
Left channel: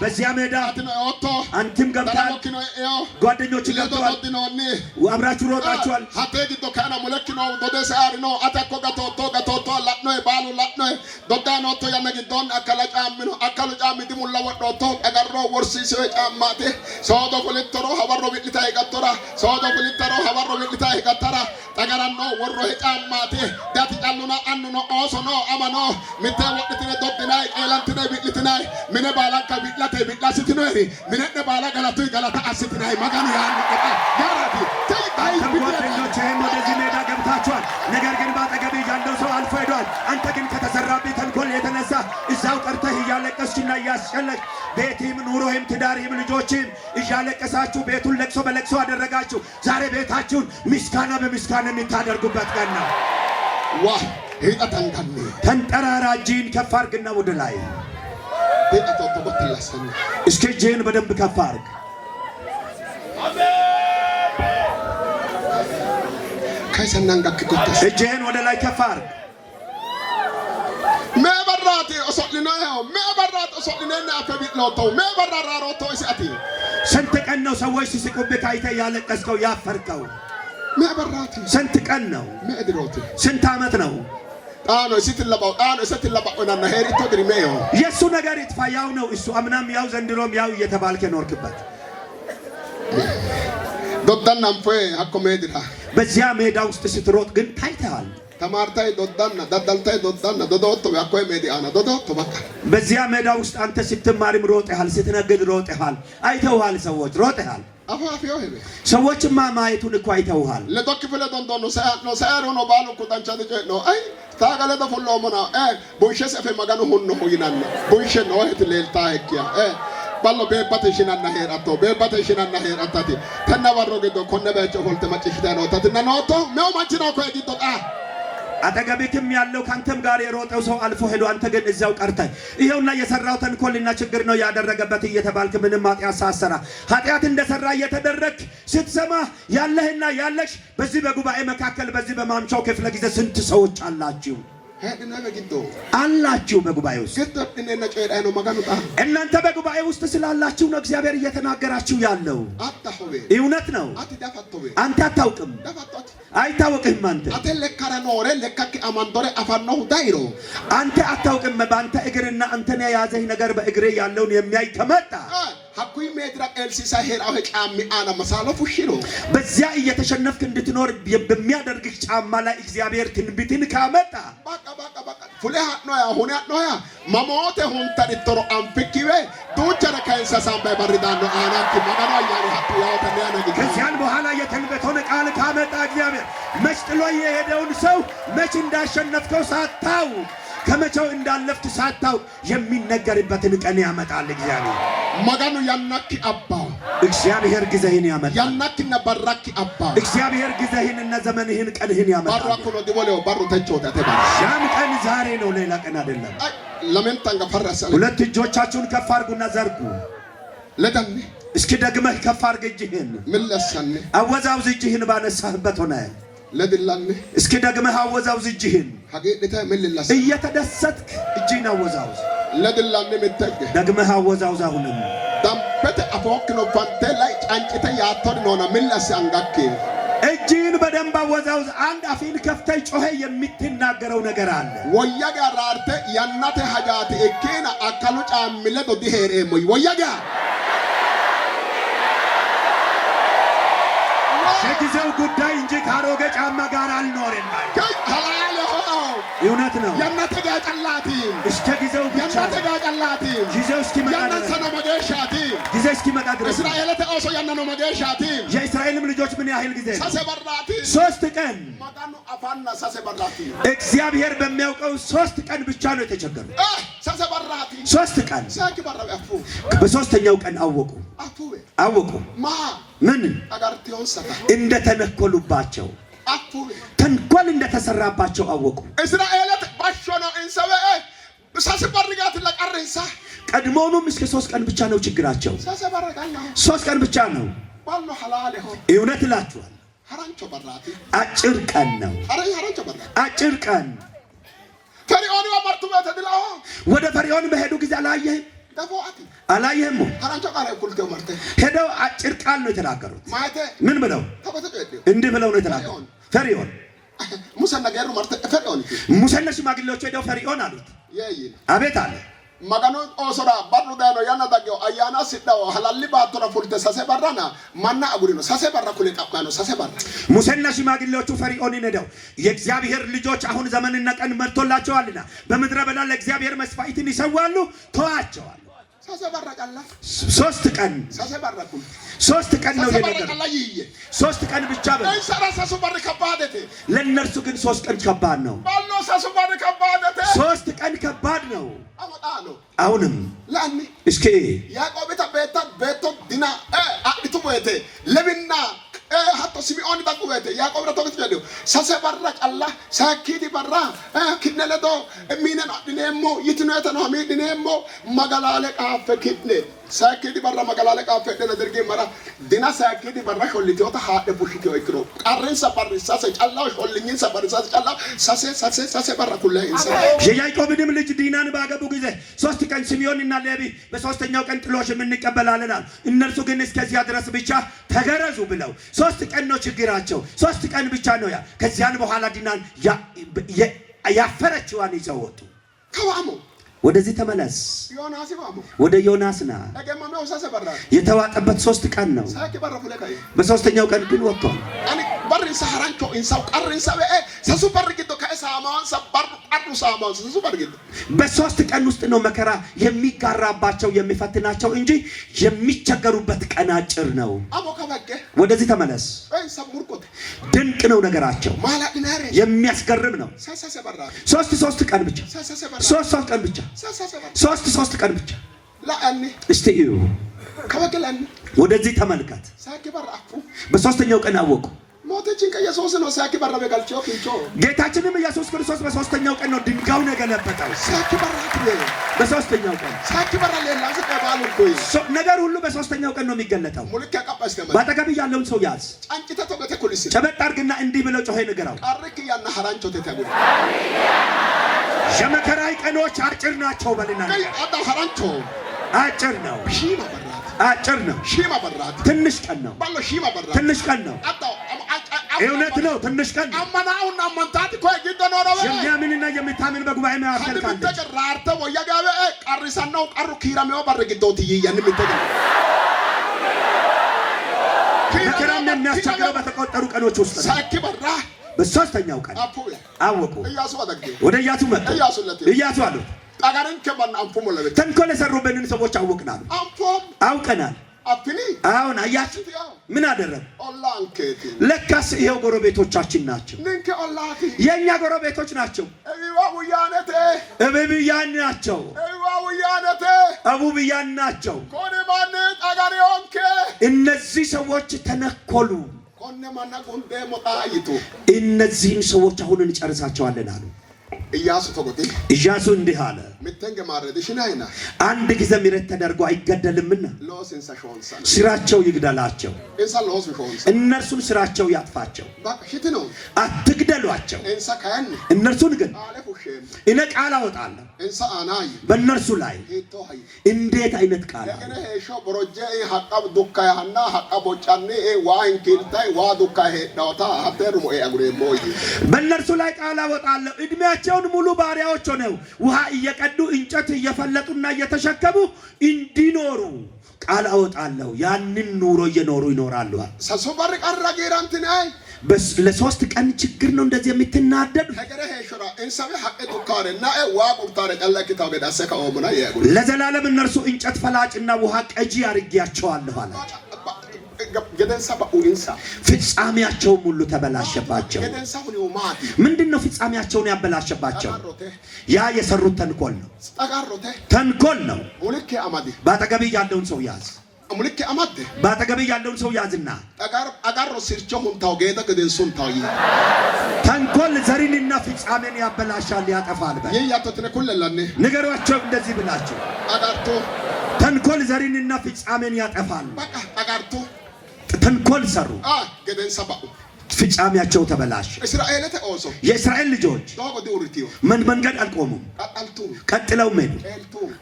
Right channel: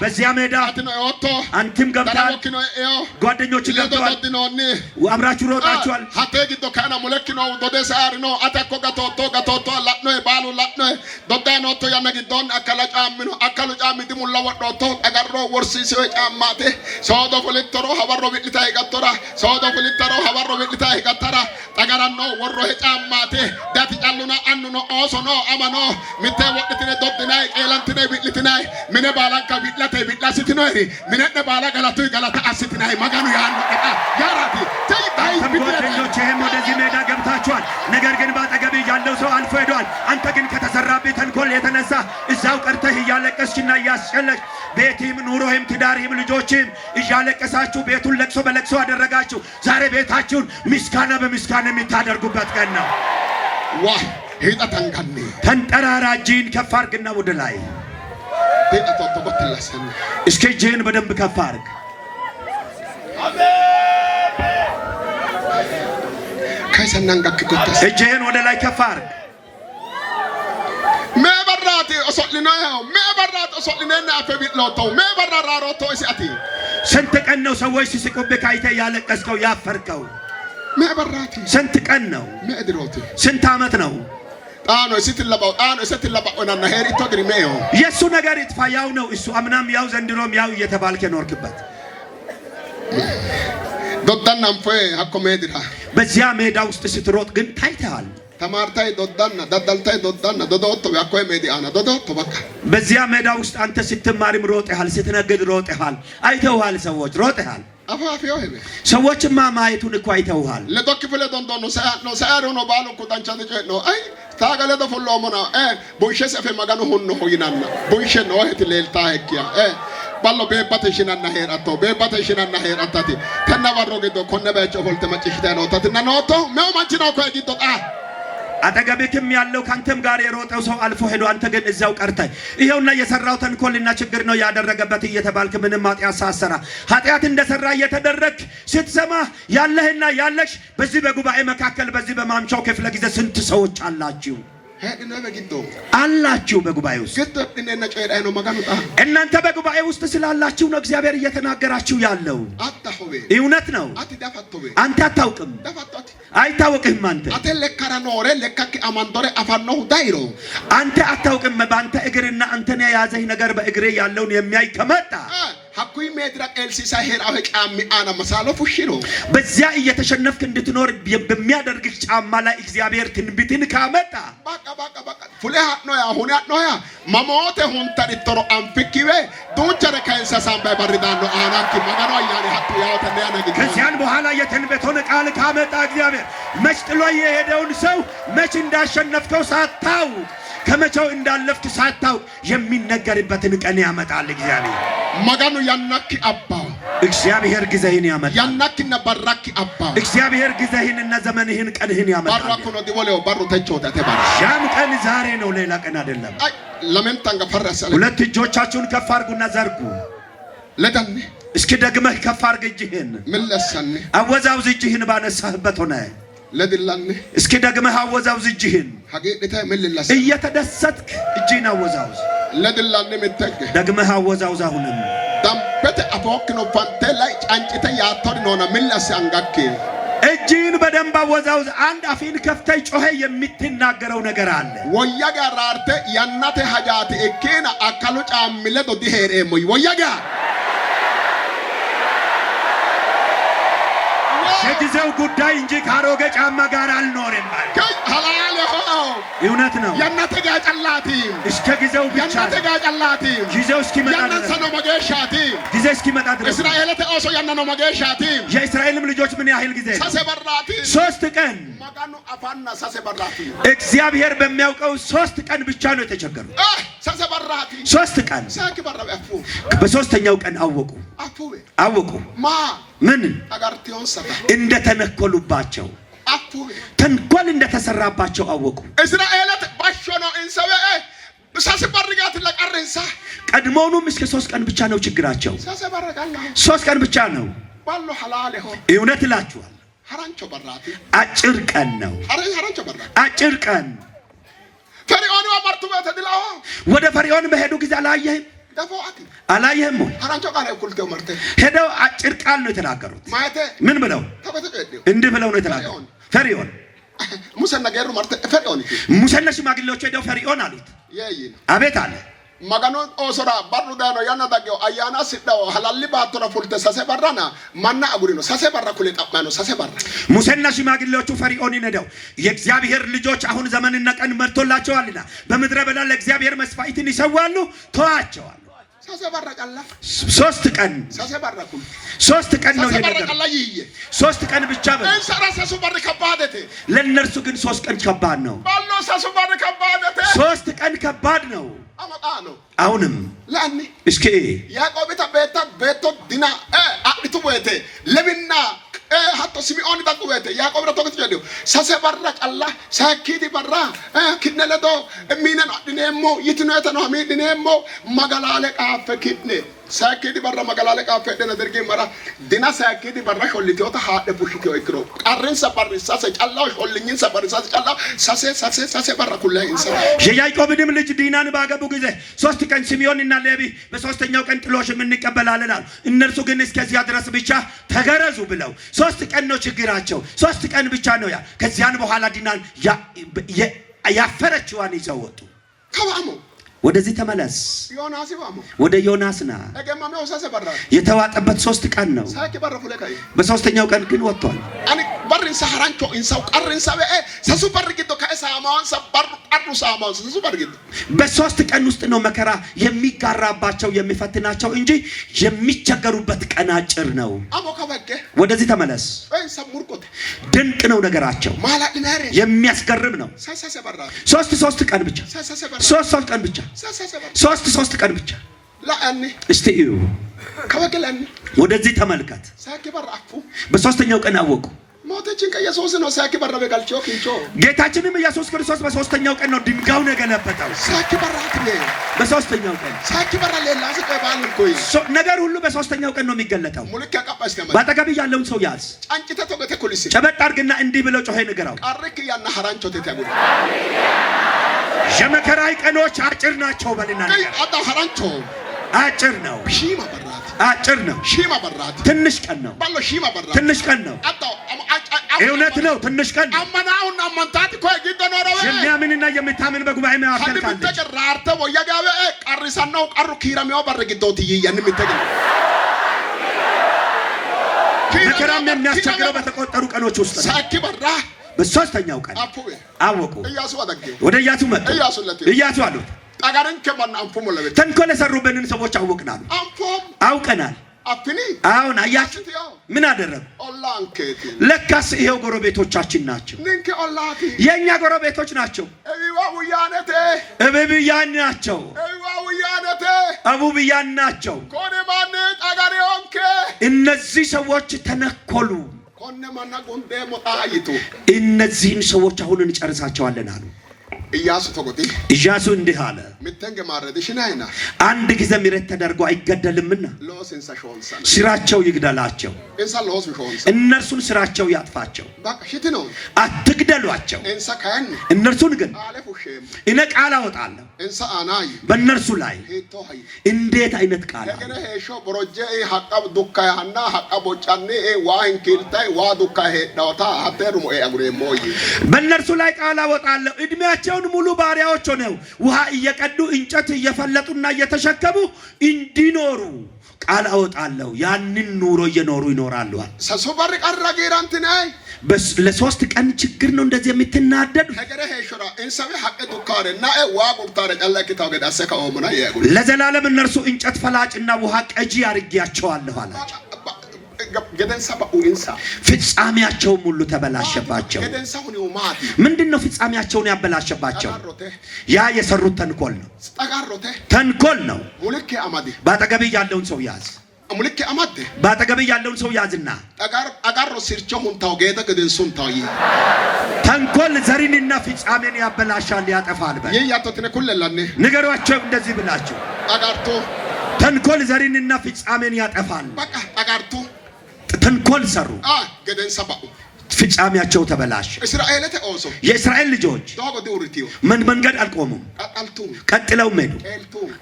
በዚያ ሜዳ አንተም ገብተሃል፣ ጓደኞች ገብተዋል፣ አብራችሁ ሮጣችኋል። ሀቴጊዶ ከና ሙለኪኖ ዶደ ሳሪ ነው አተኮ ገቶቶ ላጥኖ ባሉ ላጥኖ ዶዳኖቶ ያነጊዶን አከለጫምኖ አከለጫምቲ ሙላ ወዶቶ አገሮ ወርሲሲ ጫማቴ ሶዶ ፍሊተሮ ሀበሮ ቢልታ ይቀጥራ ሶዶ ፍሊተሮ ሀበሮ ቢልታ ይቀጥራ ጠገራኖ ወሮ ጫማቴ ዳት ጫሉና አንኖ ኦሶኖ አማኖ ሚቴ ወጥቲነ ዶድናይ ኤላንቲነ ቢልቲ mine balaka bitlate bitlasiti noeri mine bala galatu galata asiti maganu ያን ቀጣ ያራቲ ተይ ጓደኞቼ ወደዚህ ሜዳ ገብታችኋል። ነገር ግን ባጠገብ ያለው ሰው አልፎ ሄዷል። አንተ ግን ከተሰራብህ ተንኮል የተነሳ እዛው ቀርተህ እያለቀስችና እያስጨለቅ ቤትህም ኑሮህም ትዳርህም ልጆችህም እያለቀሳችሁ ቤቱን ለቅሶ በለቅሶ አደረጋችሁ። ዛሬ ቤታችሁን ምስጋና በምስጋና የምታደርጉበት ቀን ነው። ዋ ሄጣታንካኔ ተንጠራራ እጅህን ከፍ አድርግና ወደ ላይ እስኪ እጅህን በደንብ ከፍ አድርግ። እጅህን ወደ ላይ ከፍ አድርግ። ስንት ቀን ነው ሰዎች ሲስቁብህ አይተህ ያለቀስከው ያፈርከው? ስንት ቀን ነው? ስንት ዓመት ነው? የእሱ ነገር ይጥፋ፣ ያው ነው እሱ። አምናም ያው ዘንድሮም ያው እየተባልክ ኖርክበት። በዚያ ሜዳ ውስጥ ስትሮጥ ግን ታይተሃል። ተማርታይ ዶዳና ዳዳልታይ ዶዳና ዶዶቶ ያኮይ ሜዲአና ዶዶቶ በቃ በዚያ ሜዳ ውስጥ አንተ ስትማርም ሮጠሃል፣ ስትነግድ ሮጠሃል፣ አይተውሃል። ሰዎች ሮጠሃል። አፋፊዮ ሄደ ሰዎችማ ማየቱን እኮ አይተውሃል። ለዶክ ፍለ ዶንዶ ነው ሳይሮ ነው ባሉ ኩታንቻ ነው አይ ታገለ ደፎሎ ሞና ቦይሸ ሰፈ ማጋኑ ሁን ሆይናና ቦይሸ ነው እህት ሌልታ ሄኪያ ballo beebate shinanna heerattati tenna warro giddo konne bayicho ofolte macciishshitayi nootatinna nootto meu manchi ነው koye giddo አጠገብክም ያለው ካንተም ጋር የሮጠው ሰው አልፎ ሄዶ አንተ ግን እዛው ቀርተህ ይሄውና የሰራው ተንኮልና ችግር ነው ያደረገበት እየተባልክ ምንም ኃጢአት ሳሰራ ኃጢአት እንደሰራ እየተደረክ ስትሰማ ያለህና ያለሽ በዚህ በጉባኤ መካከል በዚህ በማምቻው ክፍለ ጊዜ ስንት ሰዎች አላችሁ? አላችሁ በጉባኤ ውስጥ እናንተ በጉባኤ ውስጥ ስላላችሁ ነው እግዚአብሔር እየተናገራችሁ ያለው። እውነት ነው። አንተ አታውቅም፣ አይታወቅህም። አንተ አታውቅም። በአንተ እግርና አንተን የያዘህ ነገር በእግሬ ያለውን የሚያይ ከመጣ ሀኩይ ሜድራ ኤልሲሳ ሄራው ጫሚ አና መሳሎ ፉሽሮ በዚያ እየተሸነፍክ እንድትኖር በሚያደርግህ ጫማ ላይ እግዚአብሔር ትንቢትን ካመጣ በቃ ፉለ ነው ያሁን ነው ያ ማሞቴ ሁንታ ዲቶሮ አንፍኪዌ ዱቸረ ካይንሳ ሳምባ ባሪዳኖ አናኪ ማጋኖ ያኔ ሀኩ ያው ተነያነ ግዲ ከዚያን በኋላ የትንቢቱን ቃል ካመጣ እግዚአብሔር መስጥሎ የሄደውን ሰው መች እንዳሸነፍከው ሳታው ከመቼው እንዳለፍክ ሳታው የሚነገርበትን ቀን ያመጣል እግዚአብሔር። ማጋኑ ያናኪ አባው እግዚአብሔር ጊዜህን ያመጣል። ያናኪና ባራኪ አባው እግዚአብሔር ጊዜህንና ዘመንህን ቀንህን ያመጣል። ባራኩ ነው ዲወለው ባሩ ተቾታ ተባለ። ያም ቀን ዛሬ ነው፣ ሌላ ቀን አይደለም። ለምን ታንጋ ፈራሰ ሁለት እጆቻችሁን ከፍ አድርጉና ዘርጉ። ለዳኒ እስኪ ደግመህ ከፍ አድርግ እጅህን። ምን ለሰነ አወዛውዝ እጅህን ባነሳህበት ሆነ ለድላኒ እስኪ ደግመህ አወዛውዝ እጅህን። ሀገይታ ምን ለሰነ እየተደሰትክ እጅህን አወዛውዝ። ለድላኒ ምትተክ ደግመህ አወዛውዝ። አሁንም ዳምበተ አፎክ ነው ፋንተ ላይ ጫንጭተ ያቶን ነውና ምን ለሰ አንጋክ እጅህን በደንብ አወዛውዝ። አንድ አፊን ከፍተህ ጮኸ የምትናገረው ነገር አለ። ወያጋ ራርተ ያናተ ሀጃት እኬና አካሉ ጫምለ ዶዲ ሄሬሞይ ወያጋ የጊዜው ጉዳይ እንጂ ካሮጌ ጫማ ጋር አልኖርም ማለት እውነት ነው። ያናተ ጋጫላቲ እስከ ጊዜው ብቻ ያናተ ጋጫላቲ ጊዜው እስኪመጣ ያናተ ነው መገሻቲ ጊዜ እስኪመጣ ድረስ እስራኤል ተኦሶ ያነኖ መገሻቲ የእስራኤልም ልጆች ምን ያህል ጊዜ ሳሰበራቲ 3 ቀን ማጋኑ አፋና ሳሰበራቲ እግዚአብሔር በሚያውቀው 3 ቀን ብቻ ነው የተቸገሩ። ሳሰበራቲ 3 ቀን ሳኪባራው አፉ በሶስተኛው ቀን አወቁ ማ ምን አጋርቲዮን ሰታ እንደተነኮሉባቸው ተንኮል እንደተሰራባቸው አወቁ። እስራኤላት ባሾኖ እንሰበ ሳሰበርጋት ለቀረንሳ ቀድሞውንም እስከ 3 ቀን ብቻ ነው ችግራቸው። 3 ቀን ብቻ ነው ባሎ ሐላል ሆ እውነት እላችኋል። ሐራንቾ በራቲ አጭር ቀን ነው። ሐራንቾ በራቲ አጭር ቀን ፈርዖን ወመርቱ በተድላው ወደ ፈርዖን በሄዱ ጊዜ አላየህም? ሐራንቾ ቃል እኩልቴው መርቴ ሄደው አጭር ቃል ነው የተናገሩት። ማይቴ ምን ብለው እንዲህ ብለው ነው የተናገሩት። ፈርዖን ሙሰና ገሩ መርቴ ፈርዖን ሙሰና ሽማግሌዎች ሄደው ፈርዖን አሉት። አቤት አለ magano osora barru dano yana dagyo ayana siddaw halalli baattora fulte sase barrana manna agurino sase barra kule tapmano sase barra ሙሴና ሽማግሌዎቹ ፈርዖን ነደው የእግዚአብሔር ልጆች አሁን ዘመንና ቀን መርቶላቸዋልና በምድረ በዳ ለእግዚአብሔር መስዋዕትን ይሰዋሉ ተዋቸዋል። sase barra qalla 3 ቀን sase barra kul 3 ቀን ነው የነገር 3 ቀን ብቻ በ ሰራሰሱ በር ከባደተ ለነርሱ ግን 3 ቀን ከባድ ነው። ባሎ ሰሱ በር ከባደተ 3 ቀን ከባድ ነው። አመጣሎ አሁንም ለአኒ እስኪ ያዕቆብ ቤቶ ዲና አጥቱ ወይተ ለምና hatto Simeon daqu wete Yaaqoob ratokati jedhu sase barra qalla saakiti barra kidne ledo minen adhineemmo yitinoetano hamiidhineemmo magalale qaafe kidne saakiti barra magalale qaafe dhena derge mara dina saakiti barra shollitiota haadhe bushitio ikkiro qarrinsa barri sase callaw shollinyinsa barri sase callaw sase barra kullay insa የያዕቆብንም ልጅ ዲናን ባገቡ ጊዜ 3 ቀን ሲሚዮንና ሌዊ በ3ኛው ቀን ጥሎሽ እንቀበላለን አሉ። እነርሱ ግን እስከዚያ ድረስ ብቻ ተገረዙ ብለው 3 ቀን ነው ችግራቸው። 3 ቀን ብቻ ነው ያ ከዚያን በኋላ ዲናን ያፈረችዋን ይዘው ወጡ። ከዋሙ ወደዚህ ተመለስ ዮናስ ይባሙ ወደ ዮናስና እገማው ሰሰ በራ የተዋጠበት 3 ቀን ነው። ሳኪ በራ ፍለካይ በ3ኛው ቀን ግን ወጥቷል። አኒ በርን ሰሐራንቾ ኢንሳው ቀርን ሰበ ሰሱ በርግቶ ከሳማውን ሰበር ቀሩ ሳማውን ሰሱ በርግቶ በ3 ቀን ውስጥ ነው መከራ የሚጋራባቸው የሚፈትናቸው እንጂ የሚቸገሩበት ቀን አጭር ነው። አሞከበከ ወደዚህ ተመለስ ሰሙርቆት ድንቅ ነው ነገራቸው። ማላድናሬ የሚያስገርም ነው። ሰሰ በራ 3 ቀን ብቻ 3 ቀን ብቻ 3 ቀን ብቻ ለአኒ እስቲ እዩ ከበከላኒ ወደዚህ ተመልከት። ሳኪ በራ አፉ በ3ኛው ቀን አወቁ። ሞተችን ከኢየሱስ ነው ሳኪ በራ በጋልቾ ኪንቾ ጌታችንም ኢየሱስ ክርስቶስ በ3ኛው ቀን ነው ድንጋዩን የገለበጠው። ሳኪ በራ በ3ኛው ቀን ሳኪ በራ ሌላ ሰቀባል ኮይ ነገር ሁሉ በ3ኛው ቀን ነው የሚገለጠው። ሙልክ ያቀባስ ከመ ባጠገብ ያለውን ሰው ያዝ አንቺ ተቶገተ ኩሊስ ጨበጥ አድርግና እንዲህ ብለው ጮኸ ንገራው። አርክ ያና ሐራንቾ ተተጉ የመከራይ ቀኖች አጭር ናቸው በልና ነገር አዳ ሐራንቾ አጭር ነው። ሺማ በራት አጭር ነው። ሺማ በራት ትንሽ ቀን ነው። ባሎ ሺማ በራት ትንሽ ቀን ነው። እውነት ነው። ትንሽ ቀን ነው። አማናውና አማንታት ኮይ ጊደኖረው የሚያምንና የሚታምን በጉባኤ መካከል ካለ ተቀራርተ ወያጋበ ቀሪሳናው ቀሩ ኪራሚው በርግዶት ይያን ምትገ መከራም የሚያስቸግረው በተቆጠሩ ቀኖች ውስጥ ነው። ሳኪ በራ በ3ኛው ቀን አወቁ። ኢያሱ አደገ ወደ ኢያሱ መጣ። ኢያሱ አሉት አጋረን ከማን አንፎም ወለበ ተንኮል የሰሩብንን ሰዎች አወቅናል። አንፎም አውቀናል። አፍኒ አሁን አያችሁ ምን አደረገ? ኦላንከቲ ለካስ ይሄው ጎረቤቶቻችን ናቸው። ንንከ ኦላቲ የኛ ጎረቤቶች ናቸው። እዋውያነቴ እብብያን ናቸው። እዋውያነቴ አቡብያን ናቸው። ኮኔ ማን አጋሪዮንከ እነዚህ ሰዎች ተነኮሉ። ኮኔ ማን ጎንዴ ሞጣይቱ እነዚህን ሰዎች አሁን እንጨርሳቸዋለን አሉ። ኢያሱ ተቆጥ ኢያሱ እንዲህ አለ ምተንገ ማረድሽናይና አንድ ጊዜ ምሕረት ተደርጎ አይገደልምና ሎስንሳ ሾንሳ ስራቸው ይግደላቸው። እንሳ ሎስ ሾንሳ እነርሱን ስራቸው ያጥፋቸው። ባክሽት ነው አትግደሏቸው። እንሳ ካን እነርሱን ግን አለፉሽም እኔ ቃል አወጣለሁ እንሳ አናይ በእነርሱ ላይ። ሄቶይ እንዴት አይነት ቃል ለከነ ሄሾ ብሮጀ ሐቀብ ዱካይ ሐና ሐቀቦጫኔ ዋን ኪልታይ ዋ ዱካይ ሄዳውታ አተሩሞ አጉሬሞይ በእነርሱ ላይ ቃል አወጣለሁ። እድሜያቸውን ሙሉ ባሪያዎች ሆነው ውሃ እየቀዱ እንጨት እየፈለጡና እየተሸከሙ እንዲኖሩ ቃል አወጣለሁ ያንን ኑሮ እየኖሩ ይኖራሉ። ሰሶባሪ ቀራጌራንት ናይ ለሶስት ቀን ችግር ነው እንደዚህ የምትናደዱ ለዘላለም እነርሱ እንጨት ፈላጭና ውሃ ቀጂ አድርጌያቸዋለሁ አላቸው። ፍጻሜያቸውም ሁሉ ተበላሸባቸው። ምንድነው ፍጻሜያቸውን ያበላሸባቸው? ያ የሰሩት ተንኮል ነው። ተንኮል ነው። ባጠገብ ያለውን ሰው ያዝ። ባጠገብ ያለውን ሰው ያዝና ተንኮል ዘሪንና ፍጻሜን ያበላሻል፣ ያጠፋል። ንገሯቸው እንደዚህ ብላችሁ ተንኮል ዘሪንና ፍጻሜን ያጠፋል። ተንኮል ሰሩ፣ ፍጻሜያቸው ተበላሸ። የእስራኤል ልጆች መንገድ አልቆሙም፣ ቀጥለው ሄዱ፣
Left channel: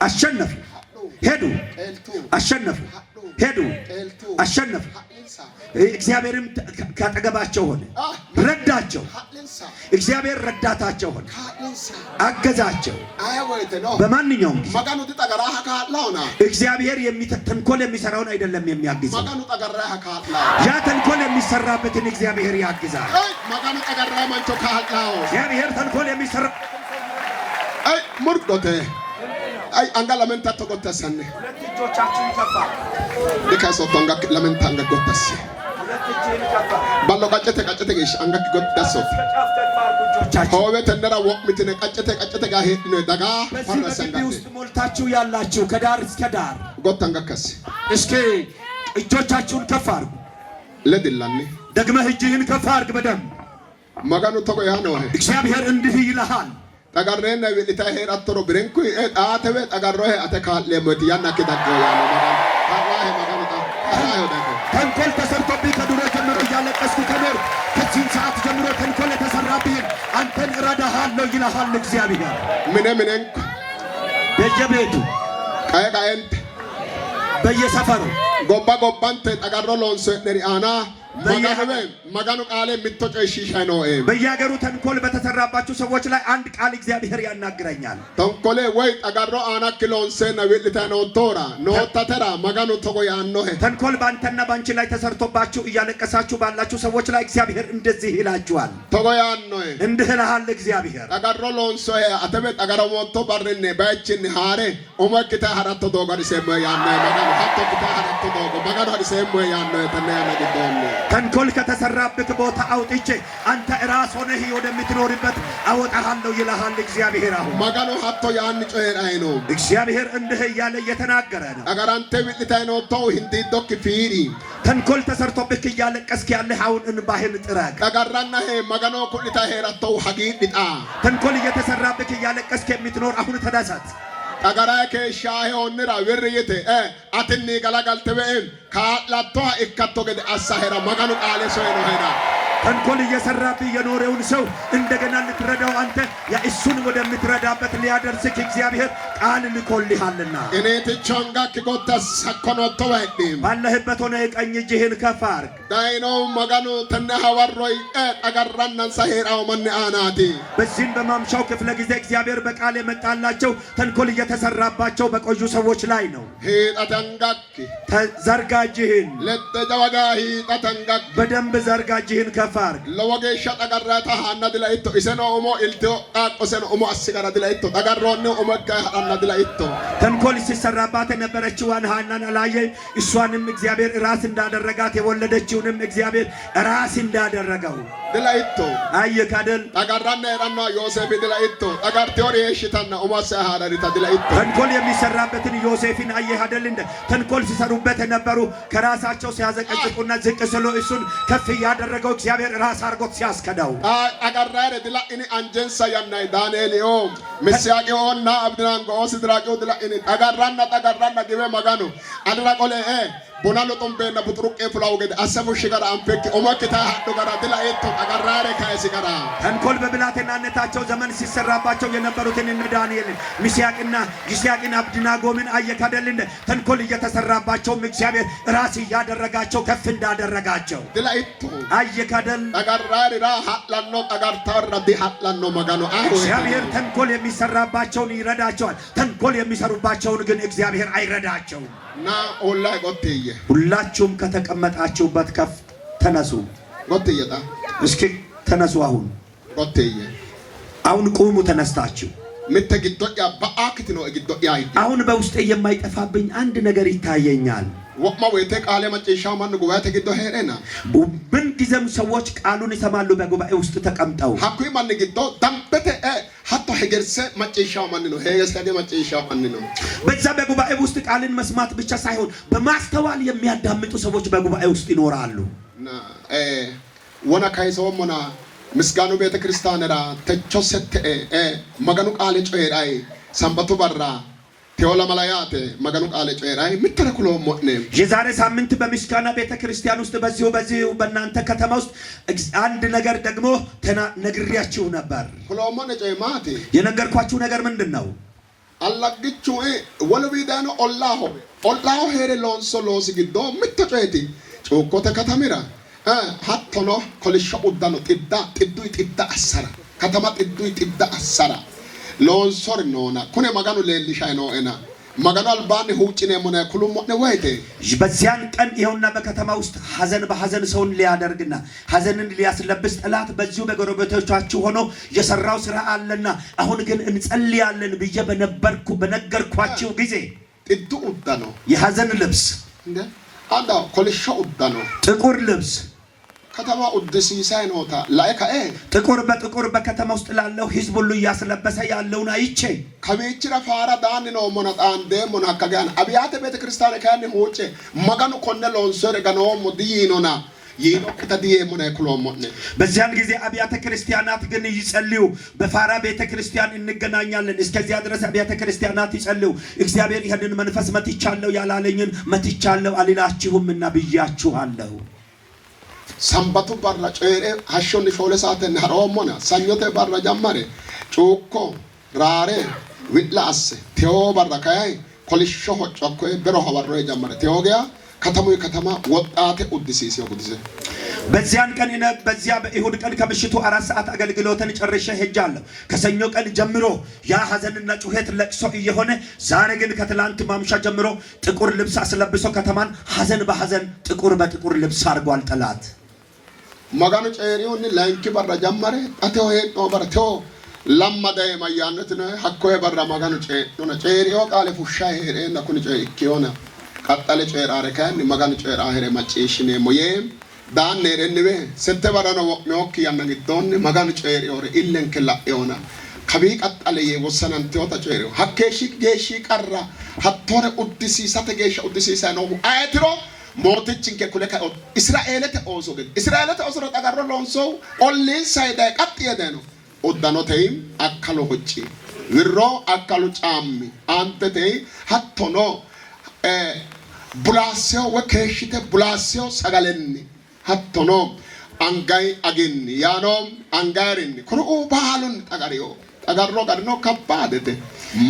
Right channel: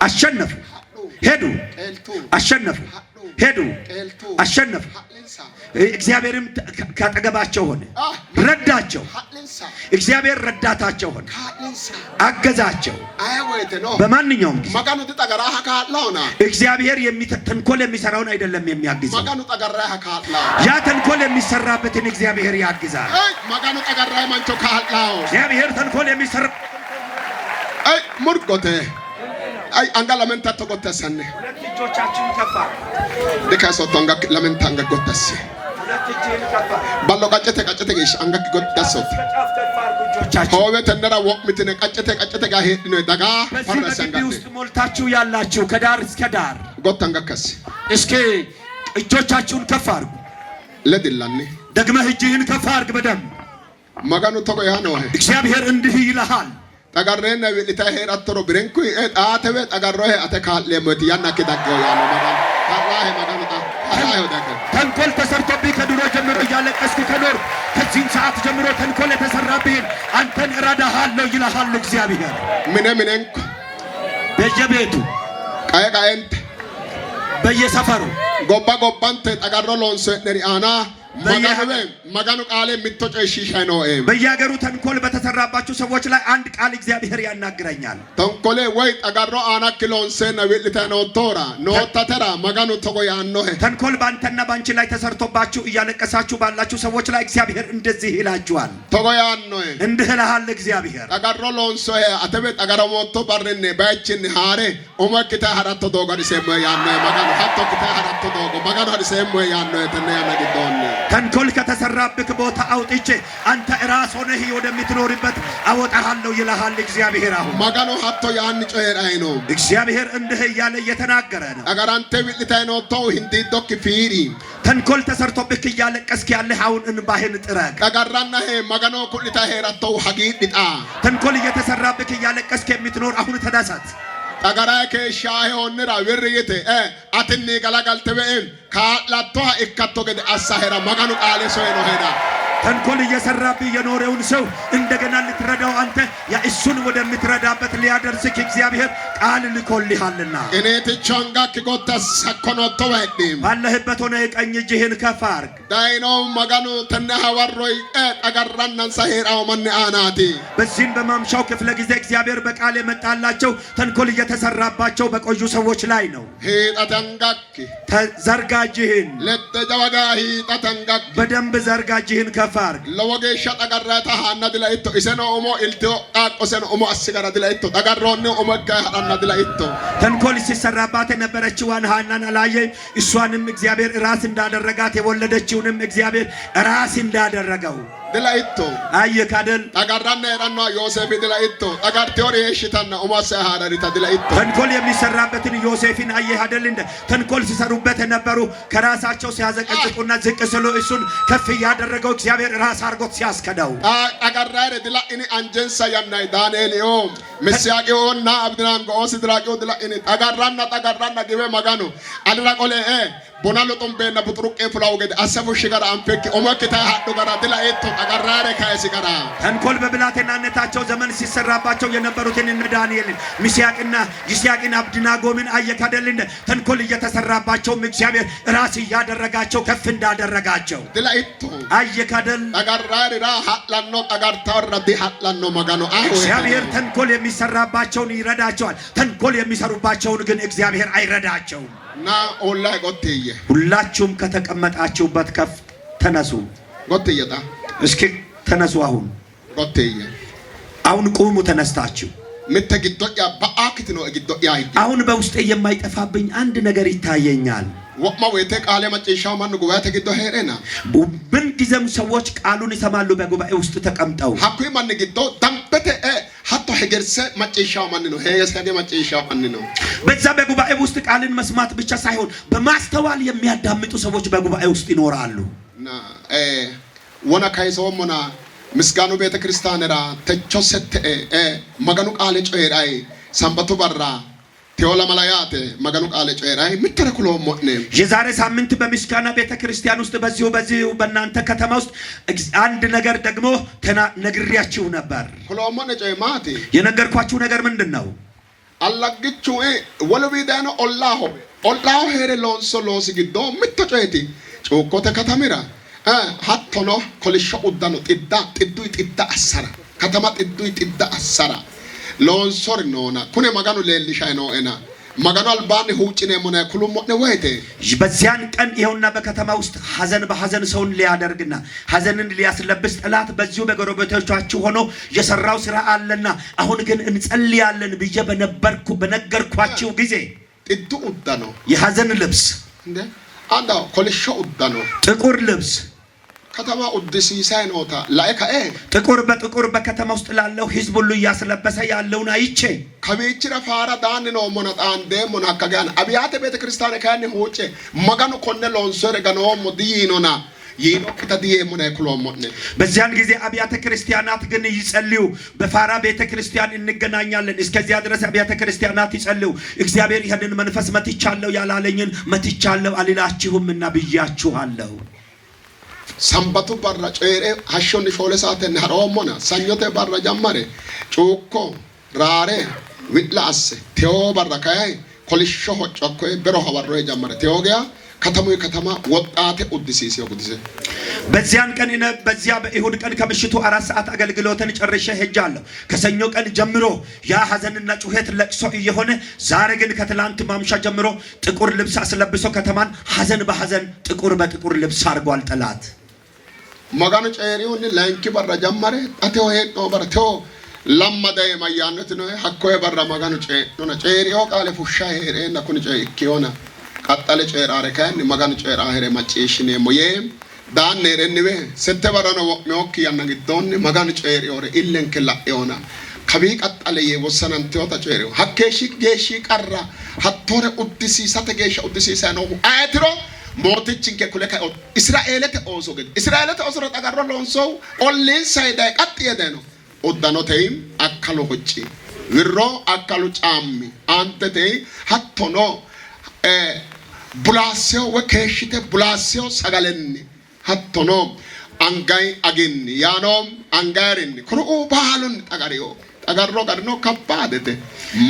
አሸነፉ። ሄዱ፣ አሸነፉ። ሄዱ፣ አሸነፉ። እግዚአብሔርም ካጠገባቸው ሆነ፣ ረዳቸው። እግዚአብሔር ረዳታቸው ሆነ፣ አገዛቸው። በማንኛውም እግዚአብሔር ተንኮል የሚሰራውን አይደለም የሚያግዘው፣ ያ ተንኮል የሚሰራበትን እግዚአብሔር ያግዛል። እግዚአብሔር ተንኮል የሚሰራ ሙርጎቴ ay anga lamenta to gottesane ሁለት እጆቻችሁን ከፋ ለካሶቶ anga lamenta anga gottesse ሁለት እጅን ከፋ ballo qaccete gesh anga gottasso howe tendera wokmitine qaccete ga hedino daga farasanga ውስጥ ሞልታችሁ ያላችሁ ከዳር እስከ ዳር gottanga kas እስኪ እጆቻችሁን ከፍ አድርጉ። ለድላኔ ደግመህ እጅህን ከፍ አድርግ በደንብ ማጋኑ ተቆ ያ ነው እግዚአብሔር እንዲህ ይልሃል tagarrena wilita herattoro birenku aatebe tagarrohe ate kaalle moti yanna kidaggo yaalo magan tarahe maganota tarahe dako ተንኮል ተሰርቶብህ ከድሮ ጀምሮ እያለቀስክ ከኖር ከዚህ ሰዓት ጀምሮ ተንኮል የተሰራብህ አንተን እረዳሃለሁ ይልሃል እግዚአብሔር። ምንንኩ በየቤቱ ቃየቃየንት በየሰፈሩ ጎባንተ tagarro lonse neriana ማጋኑ ቃል ምትጨሽሻይ ነው። በየሀገሩ ተንኮል በተሰራባችሁ ሰዎች ላይ አንድ ቃል እግዚአብሔር ያናግረኛል። ተንኮሌ ወይ ጠጋሮ አናክሎንሰ ነብልተ ነው ቶራ ኖታተራ ማጋኑ ተቆያን ነው። ተንኮል ባንተና ባንቺ ላይ ተሰርቶባችሁ እያለቀሳችሁ ባላችሁ ሰዎች ላይ እግዚአብሔር እንደዚህ ይላችኋል። ተቆያን ነው እንድህልሃል እግዚአብሔር ጠጋሮ ሎንሶ አተበ ጠጋሮ ሞቶ ባረነ ባይችን ሃሬ ኦማክታ ሀራቶ ዶጋሪ ሰመ ያነ ማጋኑ ሀቶ ክታ ሀራቶ ዶጎ ማጋኑ ሀዲ ሰመ ያነ ተነ ያነ ዲዶን ተንኮል ከተሰራብክ ቦታ አውጥቼ አንተ ራስ ሆነህ ወደምትኖርበት አወጣሃለሁ ይልሃል እግዚአብሔር። አሁን ማጋኑ ሀቶ ያን ጮሄራይ ነው እግዚአብሔር እንዲህ እያለ እየተናገረ ነው። አጋራንተ ቢልታይ ነው ተው hindi ዶክ ፊሪ ተንኮል ተሰርቶብክ እያለቀስክ ያለህ አሁን እንባህን ጥረግ። አጋራና ሄ ማጋኑ ኩልታ ሄራተው ሀጊድጣ ተንኮል እየተሰራብክ እያለቀስክ የምትኖር አሁን ተደሰት። tagaraa keeshaa onira wirriyete atinni galagaltebeen kaalaatoha ikkatto gede assahera maganu qaale soeno hera ተንኮል እየሰራብህ የኖረውን ሰው እንደገና ልትረዳው አንተ ያ እሱን ወደምትረዳበት ሊያደርስክ እግዚአብሔር ቃል ልኮልሃልና እኔ ተቻንጋክ ጎተስ ሰኮኖቶ ወይም ባለህበት ሆነ ቀኝ እጅህን ከፍ አድርግ። ዳይኖ ማጋኑ ተነሐወሮይ ጠገራናን ሳሄራው ማን አናቲ በዚህም በማምሻው ክፍለ ጊዜ እግዚአብሔር በቃል የመጣላቸው ተንኮል እየተሰራባቸው በቆዩ ሰዎች ላይ ነው። ሄጣተንጋክ ተዘርጋጅህን ለተጃዋጋሂ ጣተንጋክ በደንብ ዘርጋጅህን ከፍ አድርግ። ለወጌሻ ጠገራታ ሃና ድላይቶ ኢሰኖ ኦሞ ኢልቶ ቃቆሰኖ ኦሞ አስጋራ ድላይቶ ጠገሮነ ኦሞ ጋሃና ድላይቶ ተንኮል ሲሰራባት የነበረችዋን ሃናን አላየ። እሷንም እግዚአብሔር ራስ እንዳደረጋት የወለደችውንም እግዚአብሔር ራስ እንዳደረገው ድላይቶ አየካደል ጠገራና የራና ዮሴፍ ድላይቶ ጠገርቴዎር የሽታና ኦሞ አሳሃራሪታ ድላይቶ ተንኮል የሚሰራበትን ዮሴፍን አየሃደል እንደ ተንኮል ሲሰሩበት የነበሩ ከራሳቸው ሲያዘቀዝቁና ዝቅ ስሎ እሱን ከፍ ያደረገው እግዚአብሔር ራስ አርጎት ሲያስከዳው አቀራረ ድላ እኔ አንጀንሳ ያናይ ዳንኤልዮ መስያቂዮና አብድናንጎ ሲድራቂዮ ድላ እኔ ጠገራና ግበ ማጋኑ አድራቆለ ቦናሎ ጦምቤና ቡጥሩቄ ፍላው ገደ አሰፉ ሽጋራ አንፈክ ኦማከታ ሀዶ ጋራ ድላ እቶ አቀራረ ካይሲ ጋራ ተንኮል በብላቴናነታቸው ዘመን ሲሰራባቸው የነበሩትን እነ ዳንኤልን ሚሳቅና ይስያቅን አብድናጎምን አየካደል እንደ ተንኮል እየተሰራባቸው እግዚአብሔር ራስ ያደረጋቸው ከፍ እንዳደረጋቸው ድላ እቶ አየካደል አቀራረ ራ ሀላኖ አቀርታር ረዲ ሀላኖ ማጋኖ እግዚአብሔር ተንኮል የሚሰራባቸውን ይረዳቸዋል። ተንኮል የሚሰሩባቸውን ግን እግዚአብሔር አይረዳቸውም። ና ኦላይ ቆትዬ ሁላችሁም ከተቀመጣችሁበት ከፍ ተነሱ። ቆትዬታ እስኪ ተነሱ። ቆትዬ አሁን ቁሙ ተነስታችሁ። ምትግዶያ በአክት ነው ግዶያ አሁን በውስጤ የማይጠፋብኝ አንድ ነገር ይታየኛል። ወማ ወይቴ ቃለ መጨሻው ማን ጉባኤ ተግዶ ሄረና ምን ጊዜም ሰዎች ቃሉን ይሰማሉ በጉባኤ ውስጥ ተቀምጠው ሀኩይ ማን ግዶ ዳምበተ ሀቶ ሄገርሰ መጨሻው ማን ነው ሄገርሰ መጨሻው ማን ነው። በዛ በጉባኤ ውስጥ ቃልን መስማት ብቻ ሳይሆን በማስተዋል የሚያዳምጡ ሰዎች በጉባኤ ውስጥ ይኖራሉ። ወና ካይሶሞና ምስጋኑ ቤተ ክርስቲያንራ ተቾሰተ መገኑ ቃለ ጮሄራይ ሰንበቱ በራ ቴዎላ መላያት መገኑ ቃለ ጮሄራይ ምትረክሎ ሞኔ የዛሬ ሳምንት በምስጋና ቤተ ክርስቲያን ውስጥ በዚሁ በእናንተ ከተማ ውስጥ አንድ ነገር ደግሞ ነግሬያችሁ ነበር። ኮሎሞነ ጮይማቲ የነገርኳችሁ ነገር ምንድነው? አላግቹ ወለቢዳኖ ኦላሆ ሄሬ ሎንሶ ሎስጊዶ ምትጮይቲ ጮኮተ ከተሚራ ሀቶኖ ኮልሾ ኡዳኖ ጥዱ አሰራ ከተማ ጥዱ አሰራ ሎንሶር ነውና ኩኔ መጋኑ ሌሊሻይ ነው እና መጋኑ አልባን ሁጭኔ ሞነ ኩሉ ሞነ ወይቴ በዚያን ቀን ይኸውና በከተማ ውስጥ ሐዘን በሐዘን ሰውን ሊያደርግና ሐዘንን ሊያስለብስ ጠላት በዚሁ በጎረቤቶቻችሁ ሆኖ የሰራው ስራ አለና አሁን ግን እንጸልያለን ብዬ በነገርኳችሁ ጊዜ ጥዱ ኡዳኖ የሐዘን ልብስ እንደ አንዳ ኮልሾ ኡዳኖ ጥቁር ልብስ ከተማ ኡድሲሳይ ነውታ ላይካኤ ጥቁር በጥቁር በከተማ ውስጥ ላለው ህዝብ ሁሉ ያስለበሰ ያለውን አይቼ ከቤችራ ፋራ ዳን ነው ሞናጣን ደሞና ከጋን አብያተ ቤተ ክርስቲያን ካን ሆጬ መጋኑ ኮነ ሎንሶር ገኖ ሞዲኖና ይኖ ከተዲየ ሞና ኩሎሞነ በዚያን ጊዜ አብያተ ክርስቲያናት ግን ይጸልዩ። በፋራ ቤተ ክርስቲያን እንገናኛለን። እስከዚያ ድረስ አብያተ ክርስቲያናት ይጸልዩ። እግዚአብሔር ይሄንን መንፈስ መትቻለሁ ያላለኝን መትቻለሁ አልላችሁምና ብያችኋለሁ። ሰንበቱ በራ ጮሄሬ ሀሾን ሾለ ሰዓተን ሀሮሞና ሰኞቴ በራ ጀመረ ጩኮ ራሬ ዊላስ ቴዎ በራ ካይ ኮልሾ ሆጮኮ ብሮ ሀወሮ ጀመረ ቴዎጊያ ከተማ ወጣቴ ኡድሲሲዮ ጉዲዘ በዚያን ቀን በዚያ በይሁድ ቀን ከምሽቱ 4 ሰዓት አገልግሎትን ጨርሼ ሄጃለሁ። ከሰኞ ቀን ጀምሮ ያ ሐዘንና ጩኸት ለቅሶ እየሆነ ዛሬ ግን ከትላንት ማምሻ ጀምሮ ጥቁር ልብስ አስለብሶ ከተማን ሐዘን በሐዘን ጥቁር በጥቁር ልብስ አድርጓል ጠላት። መጋኑ ጨሪውን ላንኪ በራ ጀመረ አቴው ሄዶ በርቴው ለማደ ማያነት ነው ሐኮይ በራ መጋኑ ጨሪዮ ቃለ ፉሻ ሄሬና ኩን ጨይኪዮና ቀጣለ ጨራረ ካን መጋኑ ጨራ ሄሬ ማጨሽኔ ሞዬ ዳን ኔረንቤ ሰተ በራና ወቅኖክ ያነግዶን መጋኑ ጨሪዮረ ኢለን ከላዮና ከቢ ቀጣለ የወሰነን ተወታ ጨሪዮ ሐከሺ ጌሺ ቀራ ሐቶረ ኡድሲሳተ ጌሻ ኡድሲሳ ነው አይትሮ ሞትችን ከኩለካ እስራኤልተ ኦሶገ እስራኤልተ ኦሶረ ተጋሮ ሎንሶ ኦሊን ሳይዳ ቀጥ የደኖ ኦዳኖተይም አካሎ ሆጪ විሮ አካሉ ጫሚ አንተቴ ሀቶኖ ቡላሲዮ ወከሽተ ቡላሲዮ ሰጋለኒ ሀቶኖ አንጋይ አግን ያኖ አንጋሪን ኩሩ ባሉን ጠጋሪዮ ጠጋሮ ጋርኖ ከባደተ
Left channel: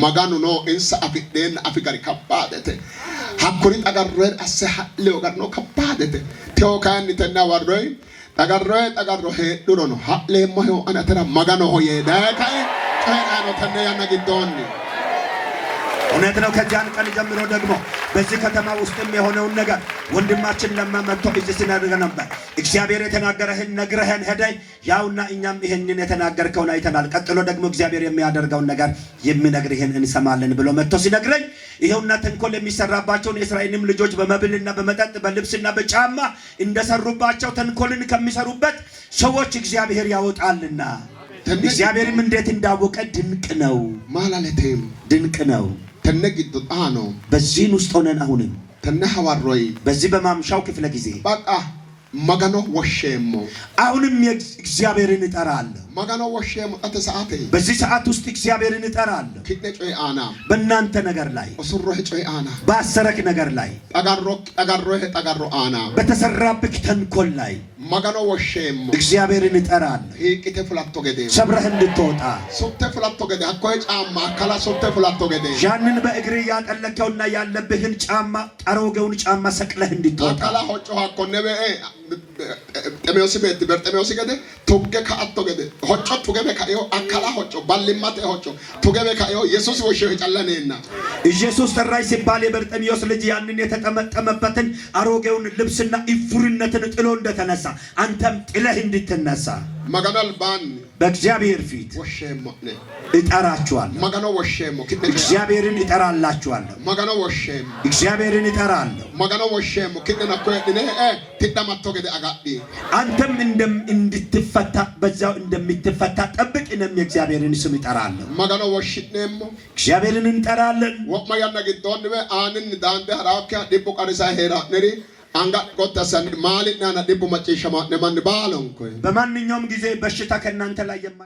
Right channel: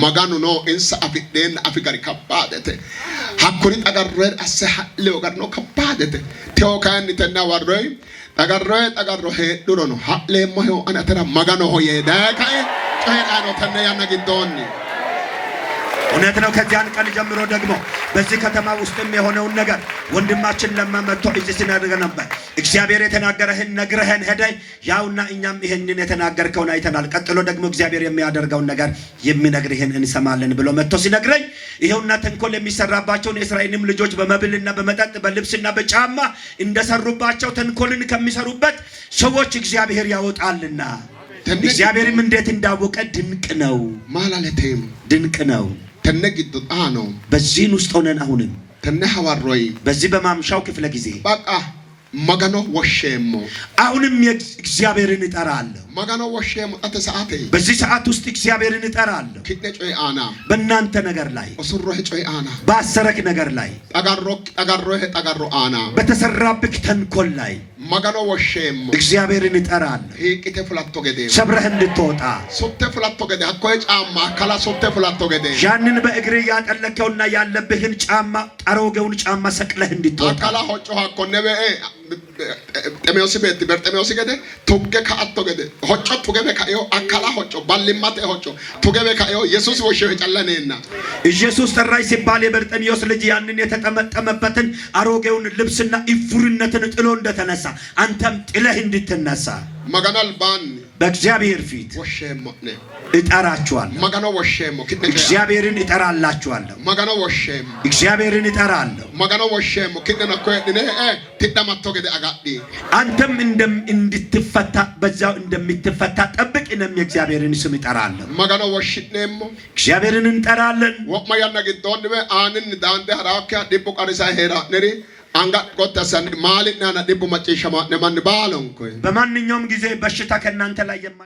መጋኑ ኖ እንሳ አፍደን አፍጋሪ ከባደተ ሀኩሪ ጠጋሮ አሰሐለው ጋርኖ ከባደተ ቴዎካን ተና ወሮይ ጠጋሮ ሄዱሮ ነው ሀሌሞ ሆ አናተራ መጋኑ ሆ የዳካይ ጠያኖ ተነ ያናግዶኒ እውነት ነው። ከዚያን ቀን ጀምሮ ደግሞ በዚህ ከተማ ውስጥም የሆነውን ነገር ወንድማችን ለማመጥቶ እዚህ ሲናገር ነበር። እግዚአብሔር የተናገረህን ነግረህን ሄደይ ያውና እኛም ይሄንን የተናገርከውን አይተናል። ቀጥሎ ደግሞ እግዚአብሔር የሚያደርገውን ነገር የሚነግርህን እንሰማለን ብሎ መጥቶ ሲነግረኝ ይሄውና ተንኮል የሚሰራባቸውን የእስራኤልም ልጆች በመብልና በመጠጥ በልብስና በጫማ እንደሰሩባቸው ተንኮልን ከሚሰሩበት ሰዎች እግዚአብሔር ያወጣልና እግዚአብሔርም እንዴት እንዳወቀ ድንቅ ነው። ማላለቴም ድንቅ ነው። ተነግዶ አኖ በዚህን ውስጥ ሆነን አሁንም ተነሐዋሮይ በዚህ በማምሻው ክፍለ ጊዜ በቃ መጋኖ ወሸሞ አሁንም እግዚአብሔርን እጠራለሁ። መጋኖ ወሸሞ አተ ሰዓቴ በዚህ ሰዓት ውስጥ እግዚአብሔርን እጠራለሁ። ኪደጮይ አና በእናንተ ነገር ላይ ኦሱሮህ ጮይ አና ባሰረክ ነገር ላይ ጠጋሮ አና በተሰራብክ ተንኮል ላይ መጋኖ ወሸሞ እግዚአብሔርን እጠራለሁ። ሂቅተ ፍላቶ ገደ ሰብረህ እንድትወጣ ሶተ ፍላቶ ገደ አኮይ ጫማ ካላ ሶተ ፍላቶ ገደ ያንን በእግር ያጠለከውና ያለብህን ጫማ ጠሮገውን ጫማ ሰቅለህ እንድትወጣ ካላ ሆጮ አኮ ነበኤ Xemiyoosi beetti Berxemiyoosi gede tugge ka'atto gede hocco tugebe ka'eyo akkala hocco ballimmate hocco tugebe ka'eyo Yesuus woshshewe callaneenna ኢየሱስ ጠራኝ ሲባል የበርጤሜዎስ ልጅ ያንን የተጠመጠመበትን አሮጌውን ልብስና ኢፉርነትን ጥሎ እንደተነሳ አንተም ጥለህ እንድትነሳ ማጋናል ባን በእግዚአብሔር ፊት ወሸሞ እጠራችኋለሁ። ማጋና ወሸሞ እግዚአብሔርን እጠራላችኋለሁ። ማጋና ወሸሞ እግዚአብሔርን እጠራለሁ። ማጋና ወሸሞ ከደና ኮየድኔ ትዳማቶ ገደ አጋዲ አንተም እንድትፈታ በዛው እንደምትፈታ ጠብቅ። እኔም የእግዚአብሔርን ስም እጠራለሁ። ማጋና ወሽኔሞ እግዚአብሔርን እንጠራለን። ወማያና ግዶን በአንን ዳንደ ሐራካ ዲቦ ቀሪሳ ሄራ ነሪ አንጋ ቆጣሰን ማልና ዲቦ መጨሸማ ነማን ባሎንኮ በማንኛውም ጊዜ በሽታ ከእናንተ ላይ